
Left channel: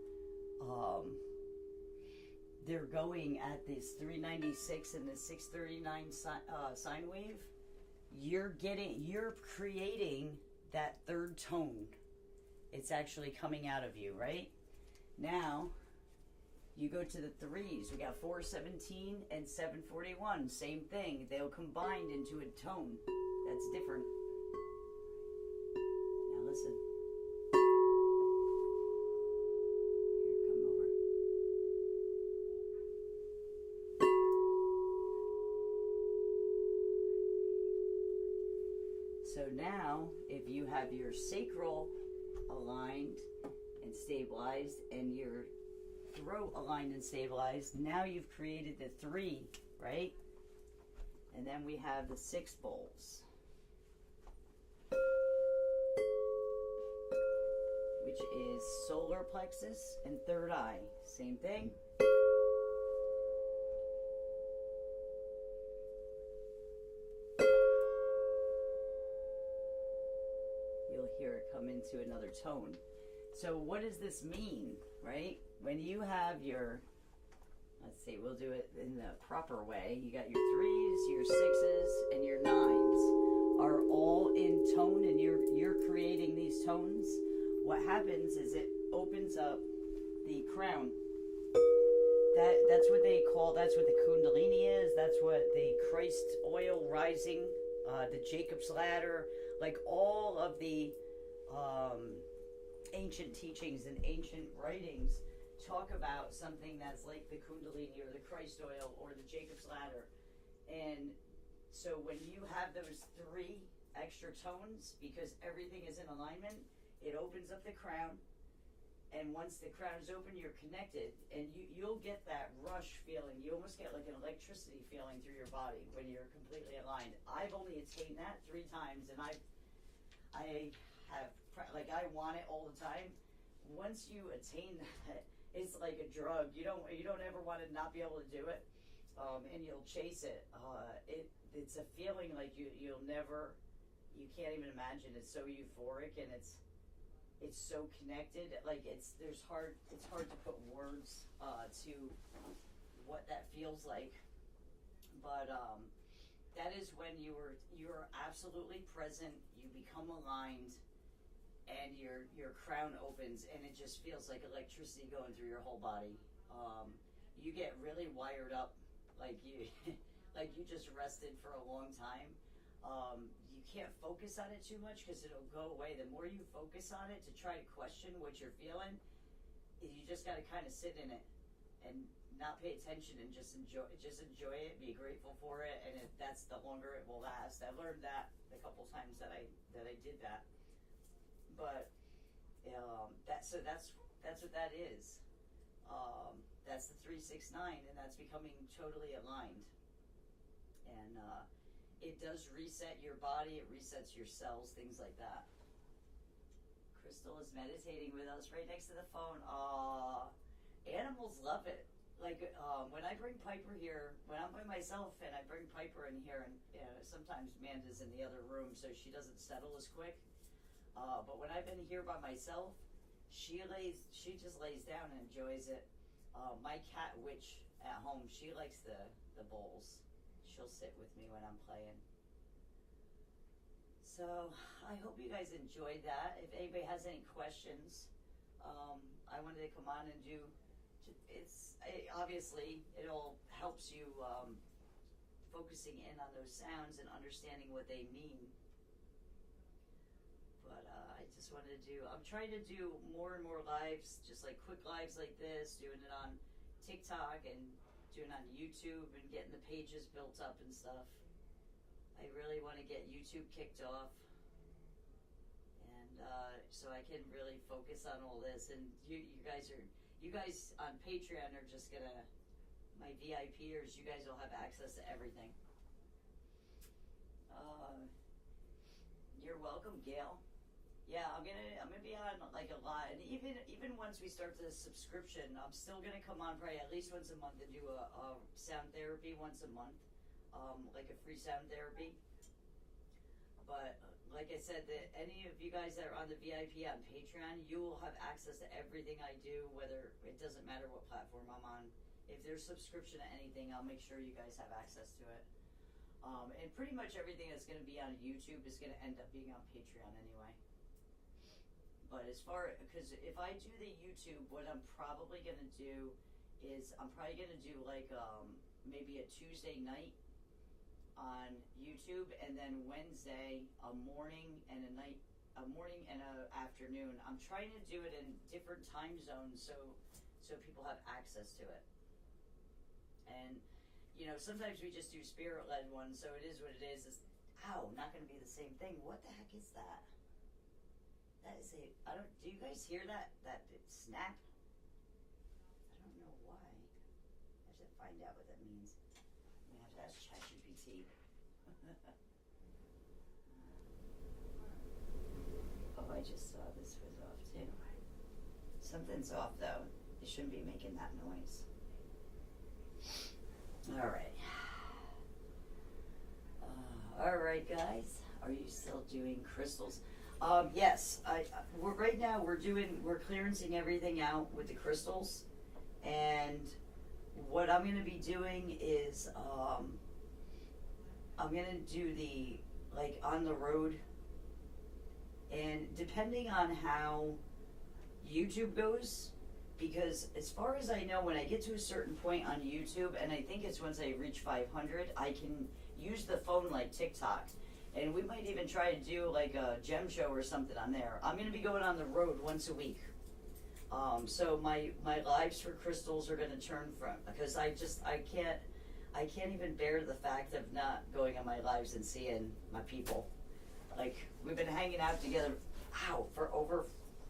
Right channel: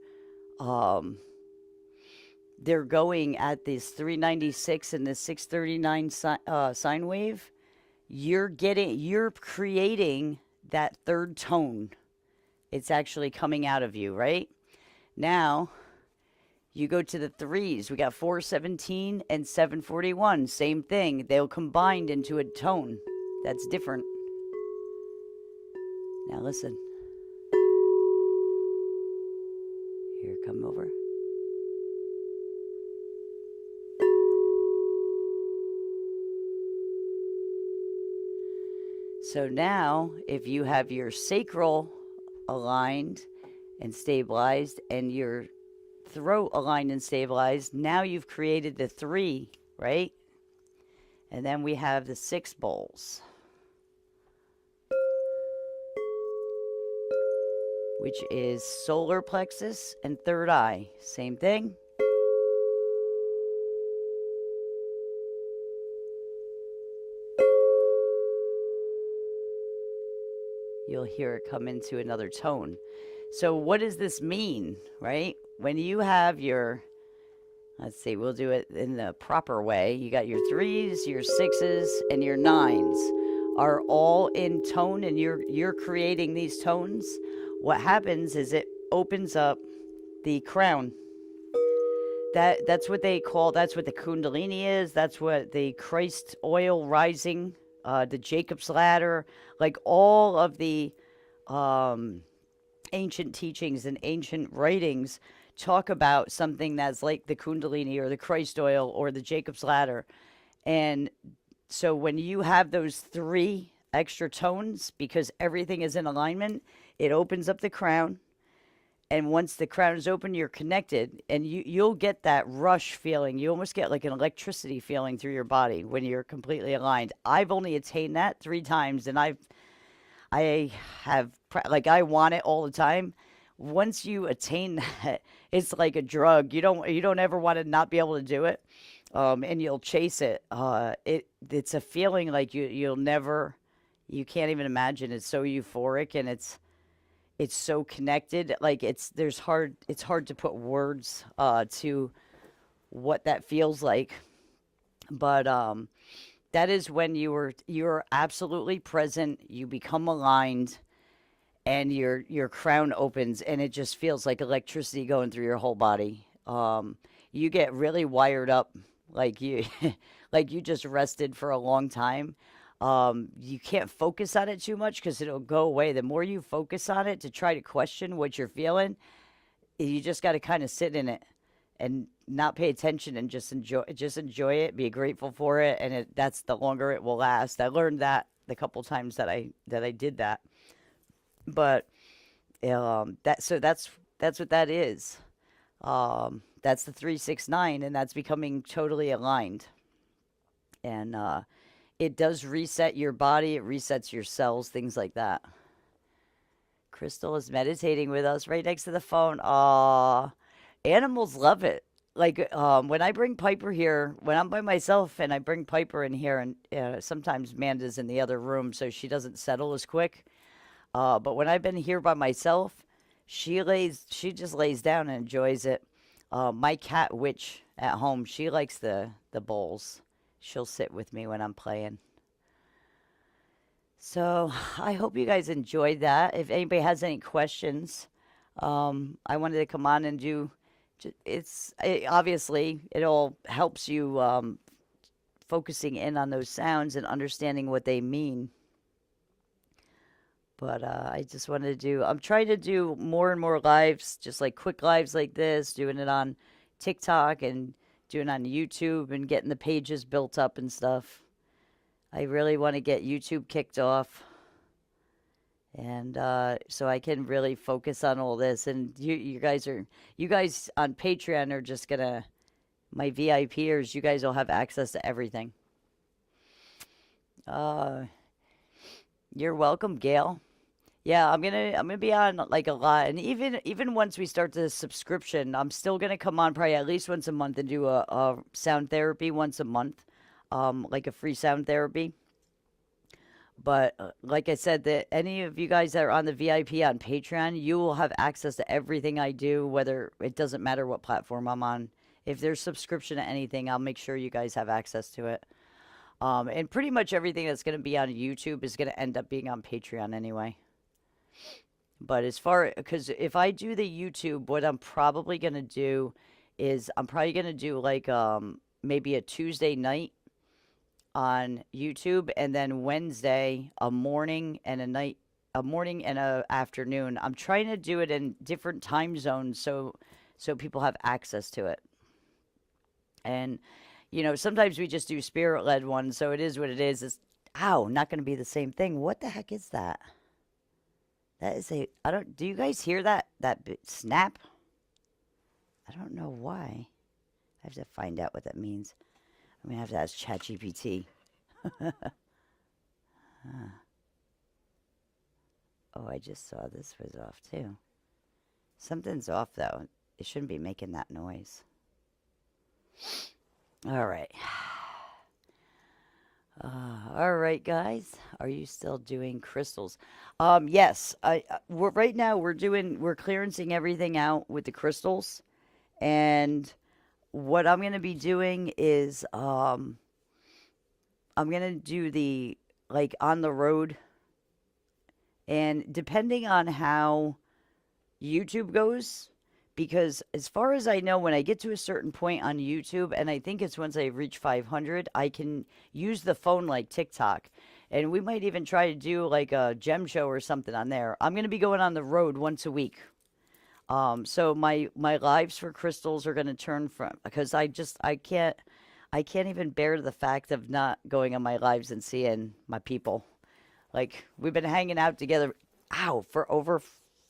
they're going at this 396 and the 639 sine wave. You're creating that third tone. It's actually coming out of you, right? Now you go to the threes. We got 417 and 741. Same thing. They'll combine into a tone that's different. Now listen. Here, come over. So now, if you have your sacral aligned and stabilized and your throat aligned and stabilized, now you've created the 3, right? And then we have the 6 bowls, which is solar plexus and third eye. Same thing. You'll hear it come into another tone. So what does this mean, right? When you have your, let's see, we'll do it in the proper way. You got your 3s, your 6s, and your 9s are all in tone, and you're creating these tones. What happens is it opens up the crown. That's what they call, that's what the Kundalini is. That's what the Christ oil rising, the Jacob's ladder, like all of the ancient teachings and ancient writings talk about something that's like the Kundalini or the Christ oil or the Jacob's ladder. And so when you have those 3 extra tones, because everything is in alignment, it opens up the crown. And once the crown is open, you're connected, and you'll get that rush feeling. You almost get like an electricity feeling through your body when you're completely aligned. I've only attained that 3 times, and I want it all the time. Once you attain that, it's like a drug. You don't ever want to not be able to do it, and you'll chase it. It's a feeling like you'll never You can't even imagine. It's so euphoric, and it's so connected. Like it's hard to put words to what that feels like. But that is when you're absolutely present. You become aligned, and your crown opens, and it just feels like electricity going through your whole body. You get really wired up, like you like you just rested for a long time. You can't focus on it too much because it'll go away. The more you focus on it to try to question what you're feeling, you just got to kind of sit in it and not pay attention and just enjoy it, be grateful for it, and that's the longer it will last. I learned that the couple times that I did that. But that's what that is. That's the 369, and that's becoming totally aligned. And it does reset your body, it resets your cells, things like that. Crystal is meditating with us right next to the phone. Aw, animals love it. Like when I bring Piper here, when I'm by myself and I bring Piper in here, and sometimes Manda's in the other room, so she doesn't settle as quick. But when I've been here by myself, she just lays down and enjoys it. My cat Witch at home, she likes the bowls. She'll sit with me when I'm playing. So I hope you guys enjoyed that. If anybody has any questions, I wanted to come on and do. Obviously it all helps you focusing in on those sounds and understanding what they mean. But I just wanted to do. I'm trying to do more and more lives, just like quick lives like this, doing it on TikTok and doing it on YouTube and getting the pages built up and stuff. I really want to get YouTube kicked off, and so I can really focus on all this. And you guys on Patreon are just gonna my VIPers. You guys will have access to everything. Uh, you're welcome, Gail. Yeah, I'm gonna be on like a lot, and even once we start the subscription, I'm still gonna come on probably at least once a month and do a sound therapy once a month, like a free sound therapy. But like I said, that any of you guys that are on the VIP on Patreon, you will have access to everything I do, whether it doesn't matter what platform I'm on. If there's subscription to anything, I'll make sure you guys have access to it. And pretty much everything that's going to be on YouTube is going to end up being on Patreon anyway. But as far because if I do the YouTube, what I'm probably gonna do is I'm probably gonna do like maybe a Tuesday night on YouTube, and then Wednesday a morning and a night, a morning and a afternoon. I'm trying to do it in different time zones so people have access to it. And sometimes we just do spirit led ones, so it is what it is. It's ow, not gonna be the same thing. What the heck is that? That is a. I don't. Do you guys hear that snap? I don't know why. I have to find out what that means. I'm gonna have to ask ChatGPT. Oh, I just saw this was off too. Something's off though. It shouldn't be making that noise. All right. All right, guys. Are you still doing crystals? Yes. We're right now. We're clearancing everything out with the crystals, and what I'm gonna be doing is I'm gonna do the like on the road, and depending on how YouTube goes, because as far as I know, when I get to a certain point on YouTube, and I think it's once I reach 500, I can use the phone like TikTok. And we might even try to do like a gem show or something on there. I'm going to be going on the road once a week. So my lives for crystals are going to turn from, because I can't even bear the fact of not going on my lives and seeing my people. Like we've been hanging out together, ow, for over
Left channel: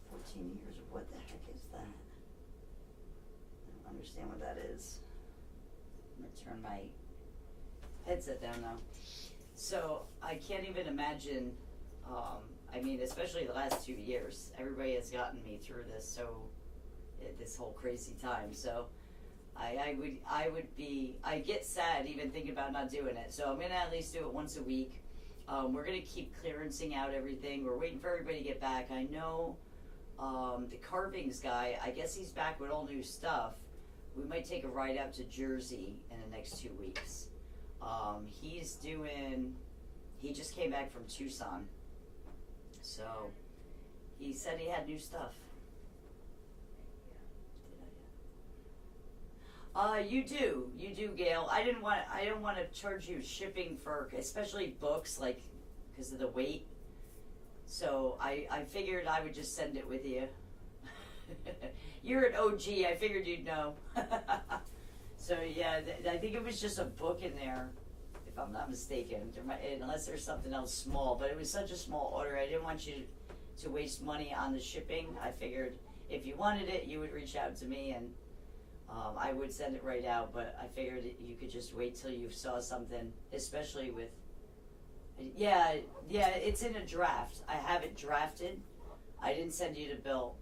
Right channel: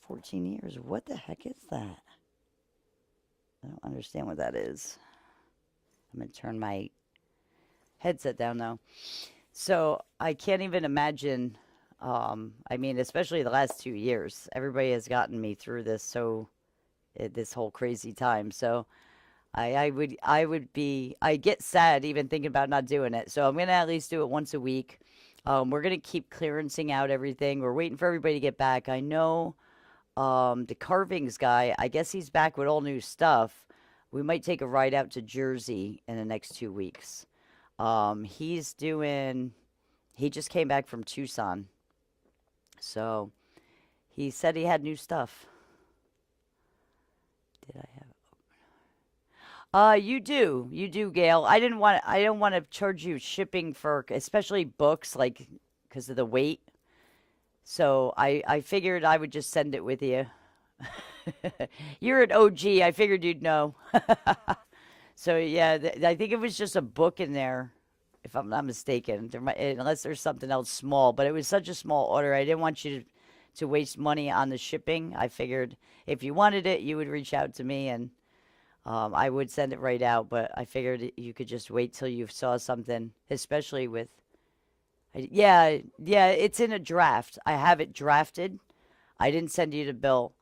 14 years. What the heck is that? I don't understand what that is. I'm gonna turn my headset down though. So I can't even imagine. I mean, especially the last 2 years, everybody has gotten me through this. So this whole crazy time. So I get sad even thinking about not doing it. So I'm gonna at least do it once a week. We're gonna keep clearancing out everything. We're waiting for everybody to get back. I know the carvings guy, I guess he's back with all new stuff. We might take a ride out to Jersey in the next 2 weeks. He's doing, he just came back from Tucson. So he said he had new stuff. Did I have? You do, Gail. I didn't want to charge you shipping for, especially books, like, because of the weight. So I figured I would just send it with you. You're an OG. I figured you'd know. So yeah, I think it was just a book in there, if I'm not mistaken. There might, unless there's something else small, but it was such a small order. I didn't want you to waste money on the shipping. I figured if you wanted it, you would reach out to me and I would send it right out. But I figured you could just wait till you saw something, especially with. Yeah, yeah, it's in a draft. I have it drafted. I didn't send you the bill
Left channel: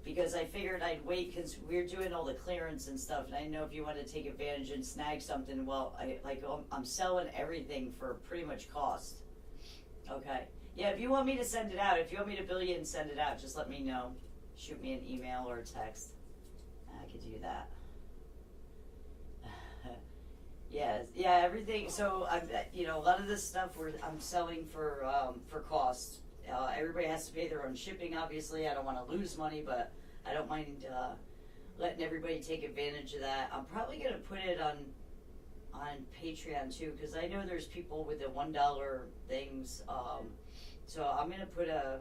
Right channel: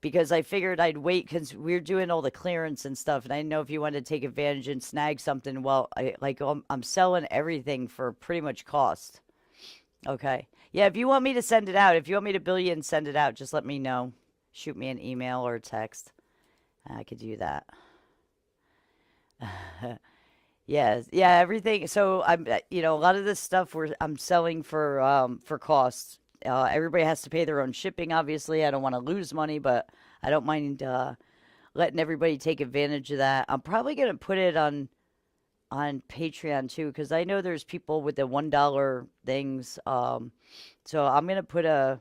because I figured I'd wait because we're doing all the clearance and stuff, and I didn't know if you wanted to take advantage and snag something. Well, I'm selling everything for pretty much cost. Okay. Yeah, if you want me to send it out, if you want me to bill you and send it out, just let me know. Shoot me an email or a text. I could do that. Yes, yeah, everything. So a lot of this stuff I'm selling for cost. Everybody has to pay their own shipping. Obviously, I don't want to lose money, but I don't mind letting everybody take advantage of that. I'm probably gonna put it on Patreon too, because I know there's people with the $1 things. So I'm gonna put a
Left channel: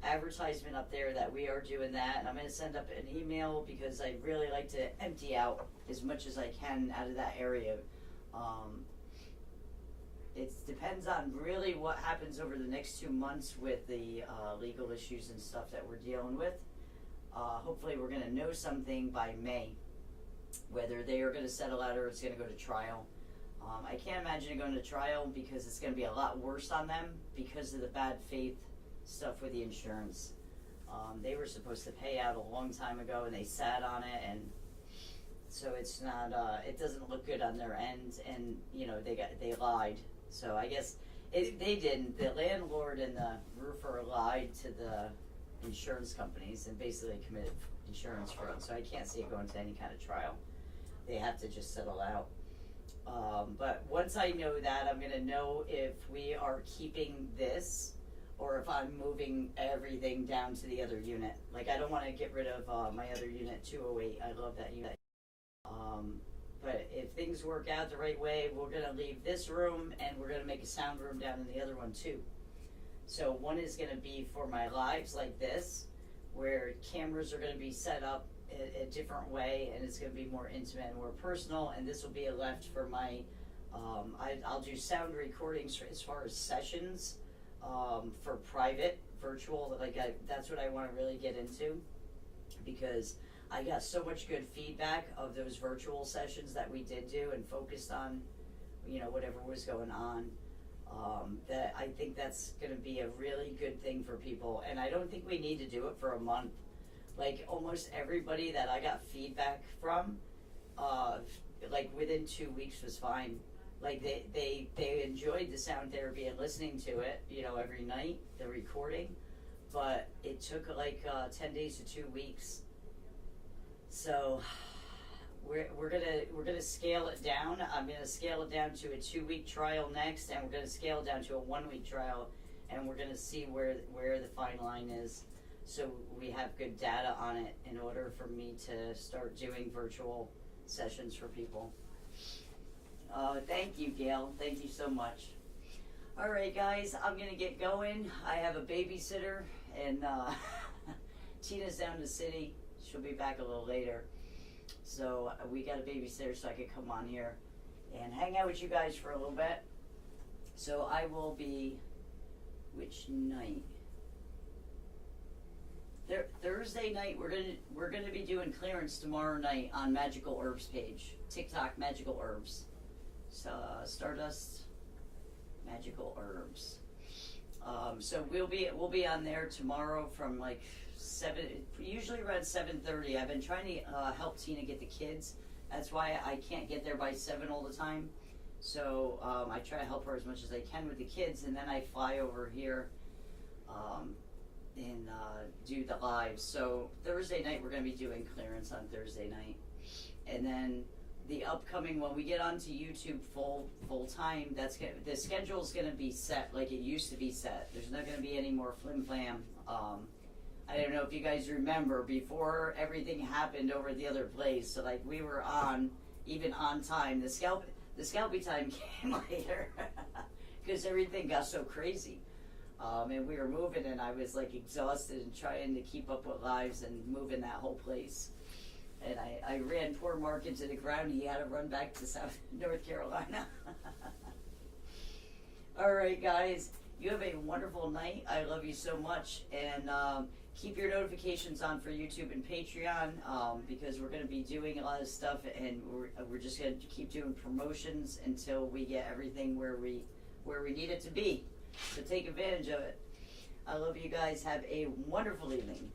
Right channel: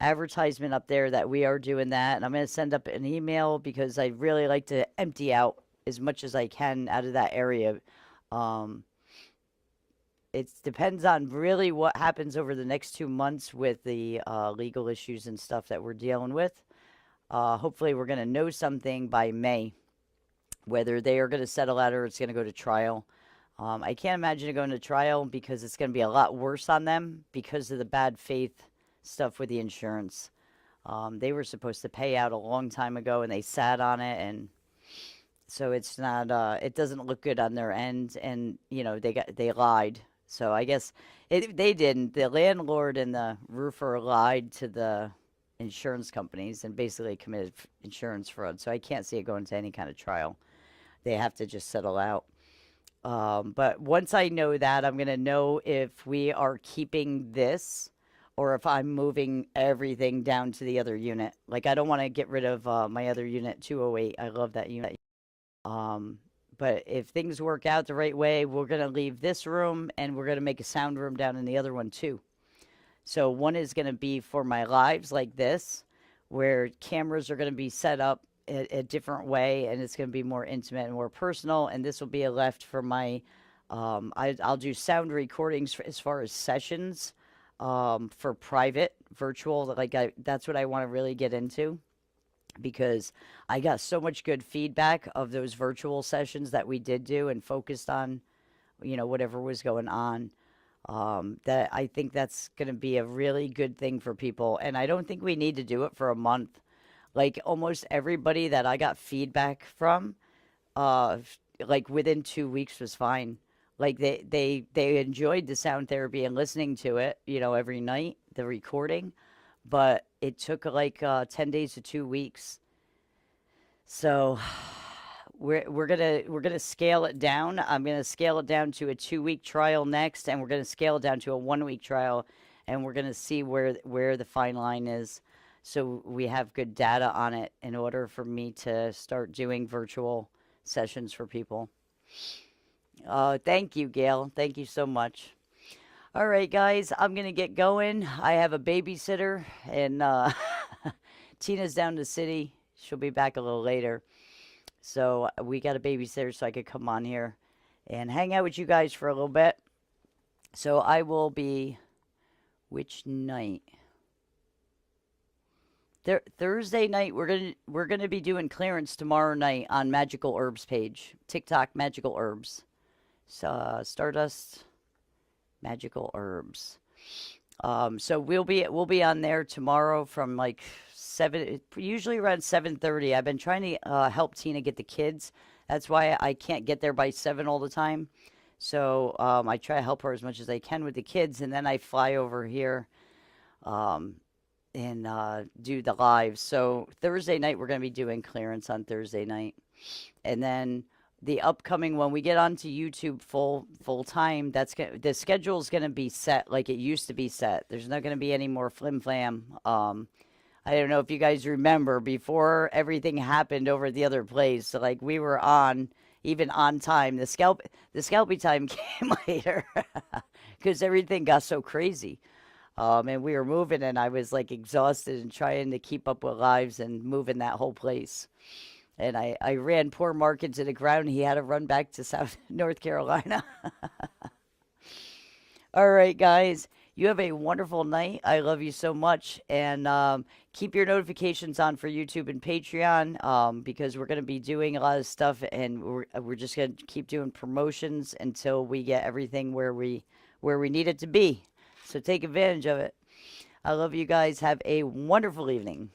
advertisement up there that we are doing that, and I'm gonna send up an email because I really like to empty out as much as I can out of that area. Um, it depends on really what happens over the next 2 months with the legal issues and stuff that we're dealing with. Hopefully, we're going to know something by May, whether they are going to settle out or it's going to go to trial. I can't imagine it going to trial because it's going to be a lot worse on them because of the bad faith stuff with the insurance. They were supposed to pay out a long time ago and they sat on it, and so it's not it doesn't look good on their end, and they lied. So I guess they didn't. The landlord and the roofer lied to the insurance companies and basically committed insurance fraud. So I can't see it going to any kind of trial. They have to just settle out. But once I know that, I'm gonna know if we are keeping this or if I'm moving everything down to the other unit. Like, I don't want to get rid of my other unit, 208. I love that unit. Um, but if things work out the right way, we're going to leave this room and we're going to make a sound room down in the other one too. So one is going to be for my lives like this, where cameras are going to be set up a different way and it's going to be more intimate and more personal. And this will be a left for my, I'll do sound recordings as far as sessions for private, virtual. That's what I want to really get into because I got so much good feedback of those virtual sessions that we did do and focused on, whatever was going on. That I think that's going to be a really good thing for people. And I don't think we need to do it for a month. Like almost everybody that I got feedback from, like within 2 weeks was fine. Like they enjoyed the sound therapy and listening to it, every night, the recording. But it took like 10 days to 2 weeks. So we're gonna scale it down. I'm gonna scale it down to a 2 week trial next, and we're gonna scale it down to a 1 week trial, and we're gonna see where the fine line is, so we have good data on it in order for me to start doing virtual sessions for people. Thank you, Gail. Thank you so much. All right, guys, I'm gonna get going. I have a babysitter, and Tina's down in the city. She'll be back a little later. So we got a babysitter so I could come on here and hang out with you guys for a little bit. So I will be, which night? Thursday night we're gonna be doing clearance tomorrow night on Magical Herbs page. TikTok Magical Herbs. Stardust Magical Herbs. So we'll be on there tomorrow from like 7, usually around 7:30. I've been trying to help Tina get the kids. That's why I can't get there by 7 all the time. So I try to help her as much as I can with the kids, and then I fly over here um, and do the lives. So Thursday night we're going to be doing clearance on Thursday night, and then the upcoming when we get onto YouTube full time, the schedule's gonna be set like it used to be set. There's not gonna be any more flim flam. I don't know if you guys remember before everything happened over at the other place. So like we were on even on time. The scalpy time came later because everything got so crazy. And we were moving, and I was like exhausted and trying to keep up with lives and moving that whole place. And I ran poor Mark into the ground. He had to run back to South North Carolina. All right, guys. You have a wonderful night. I love you so much. And keep your notifications on for YouTube and Patreon because we're going to be doing a lot of stuff. And we're just going to keep doing promotions until we get everything where we need it to be. So take advantage of it. I love you guys. Have a wonderful evening.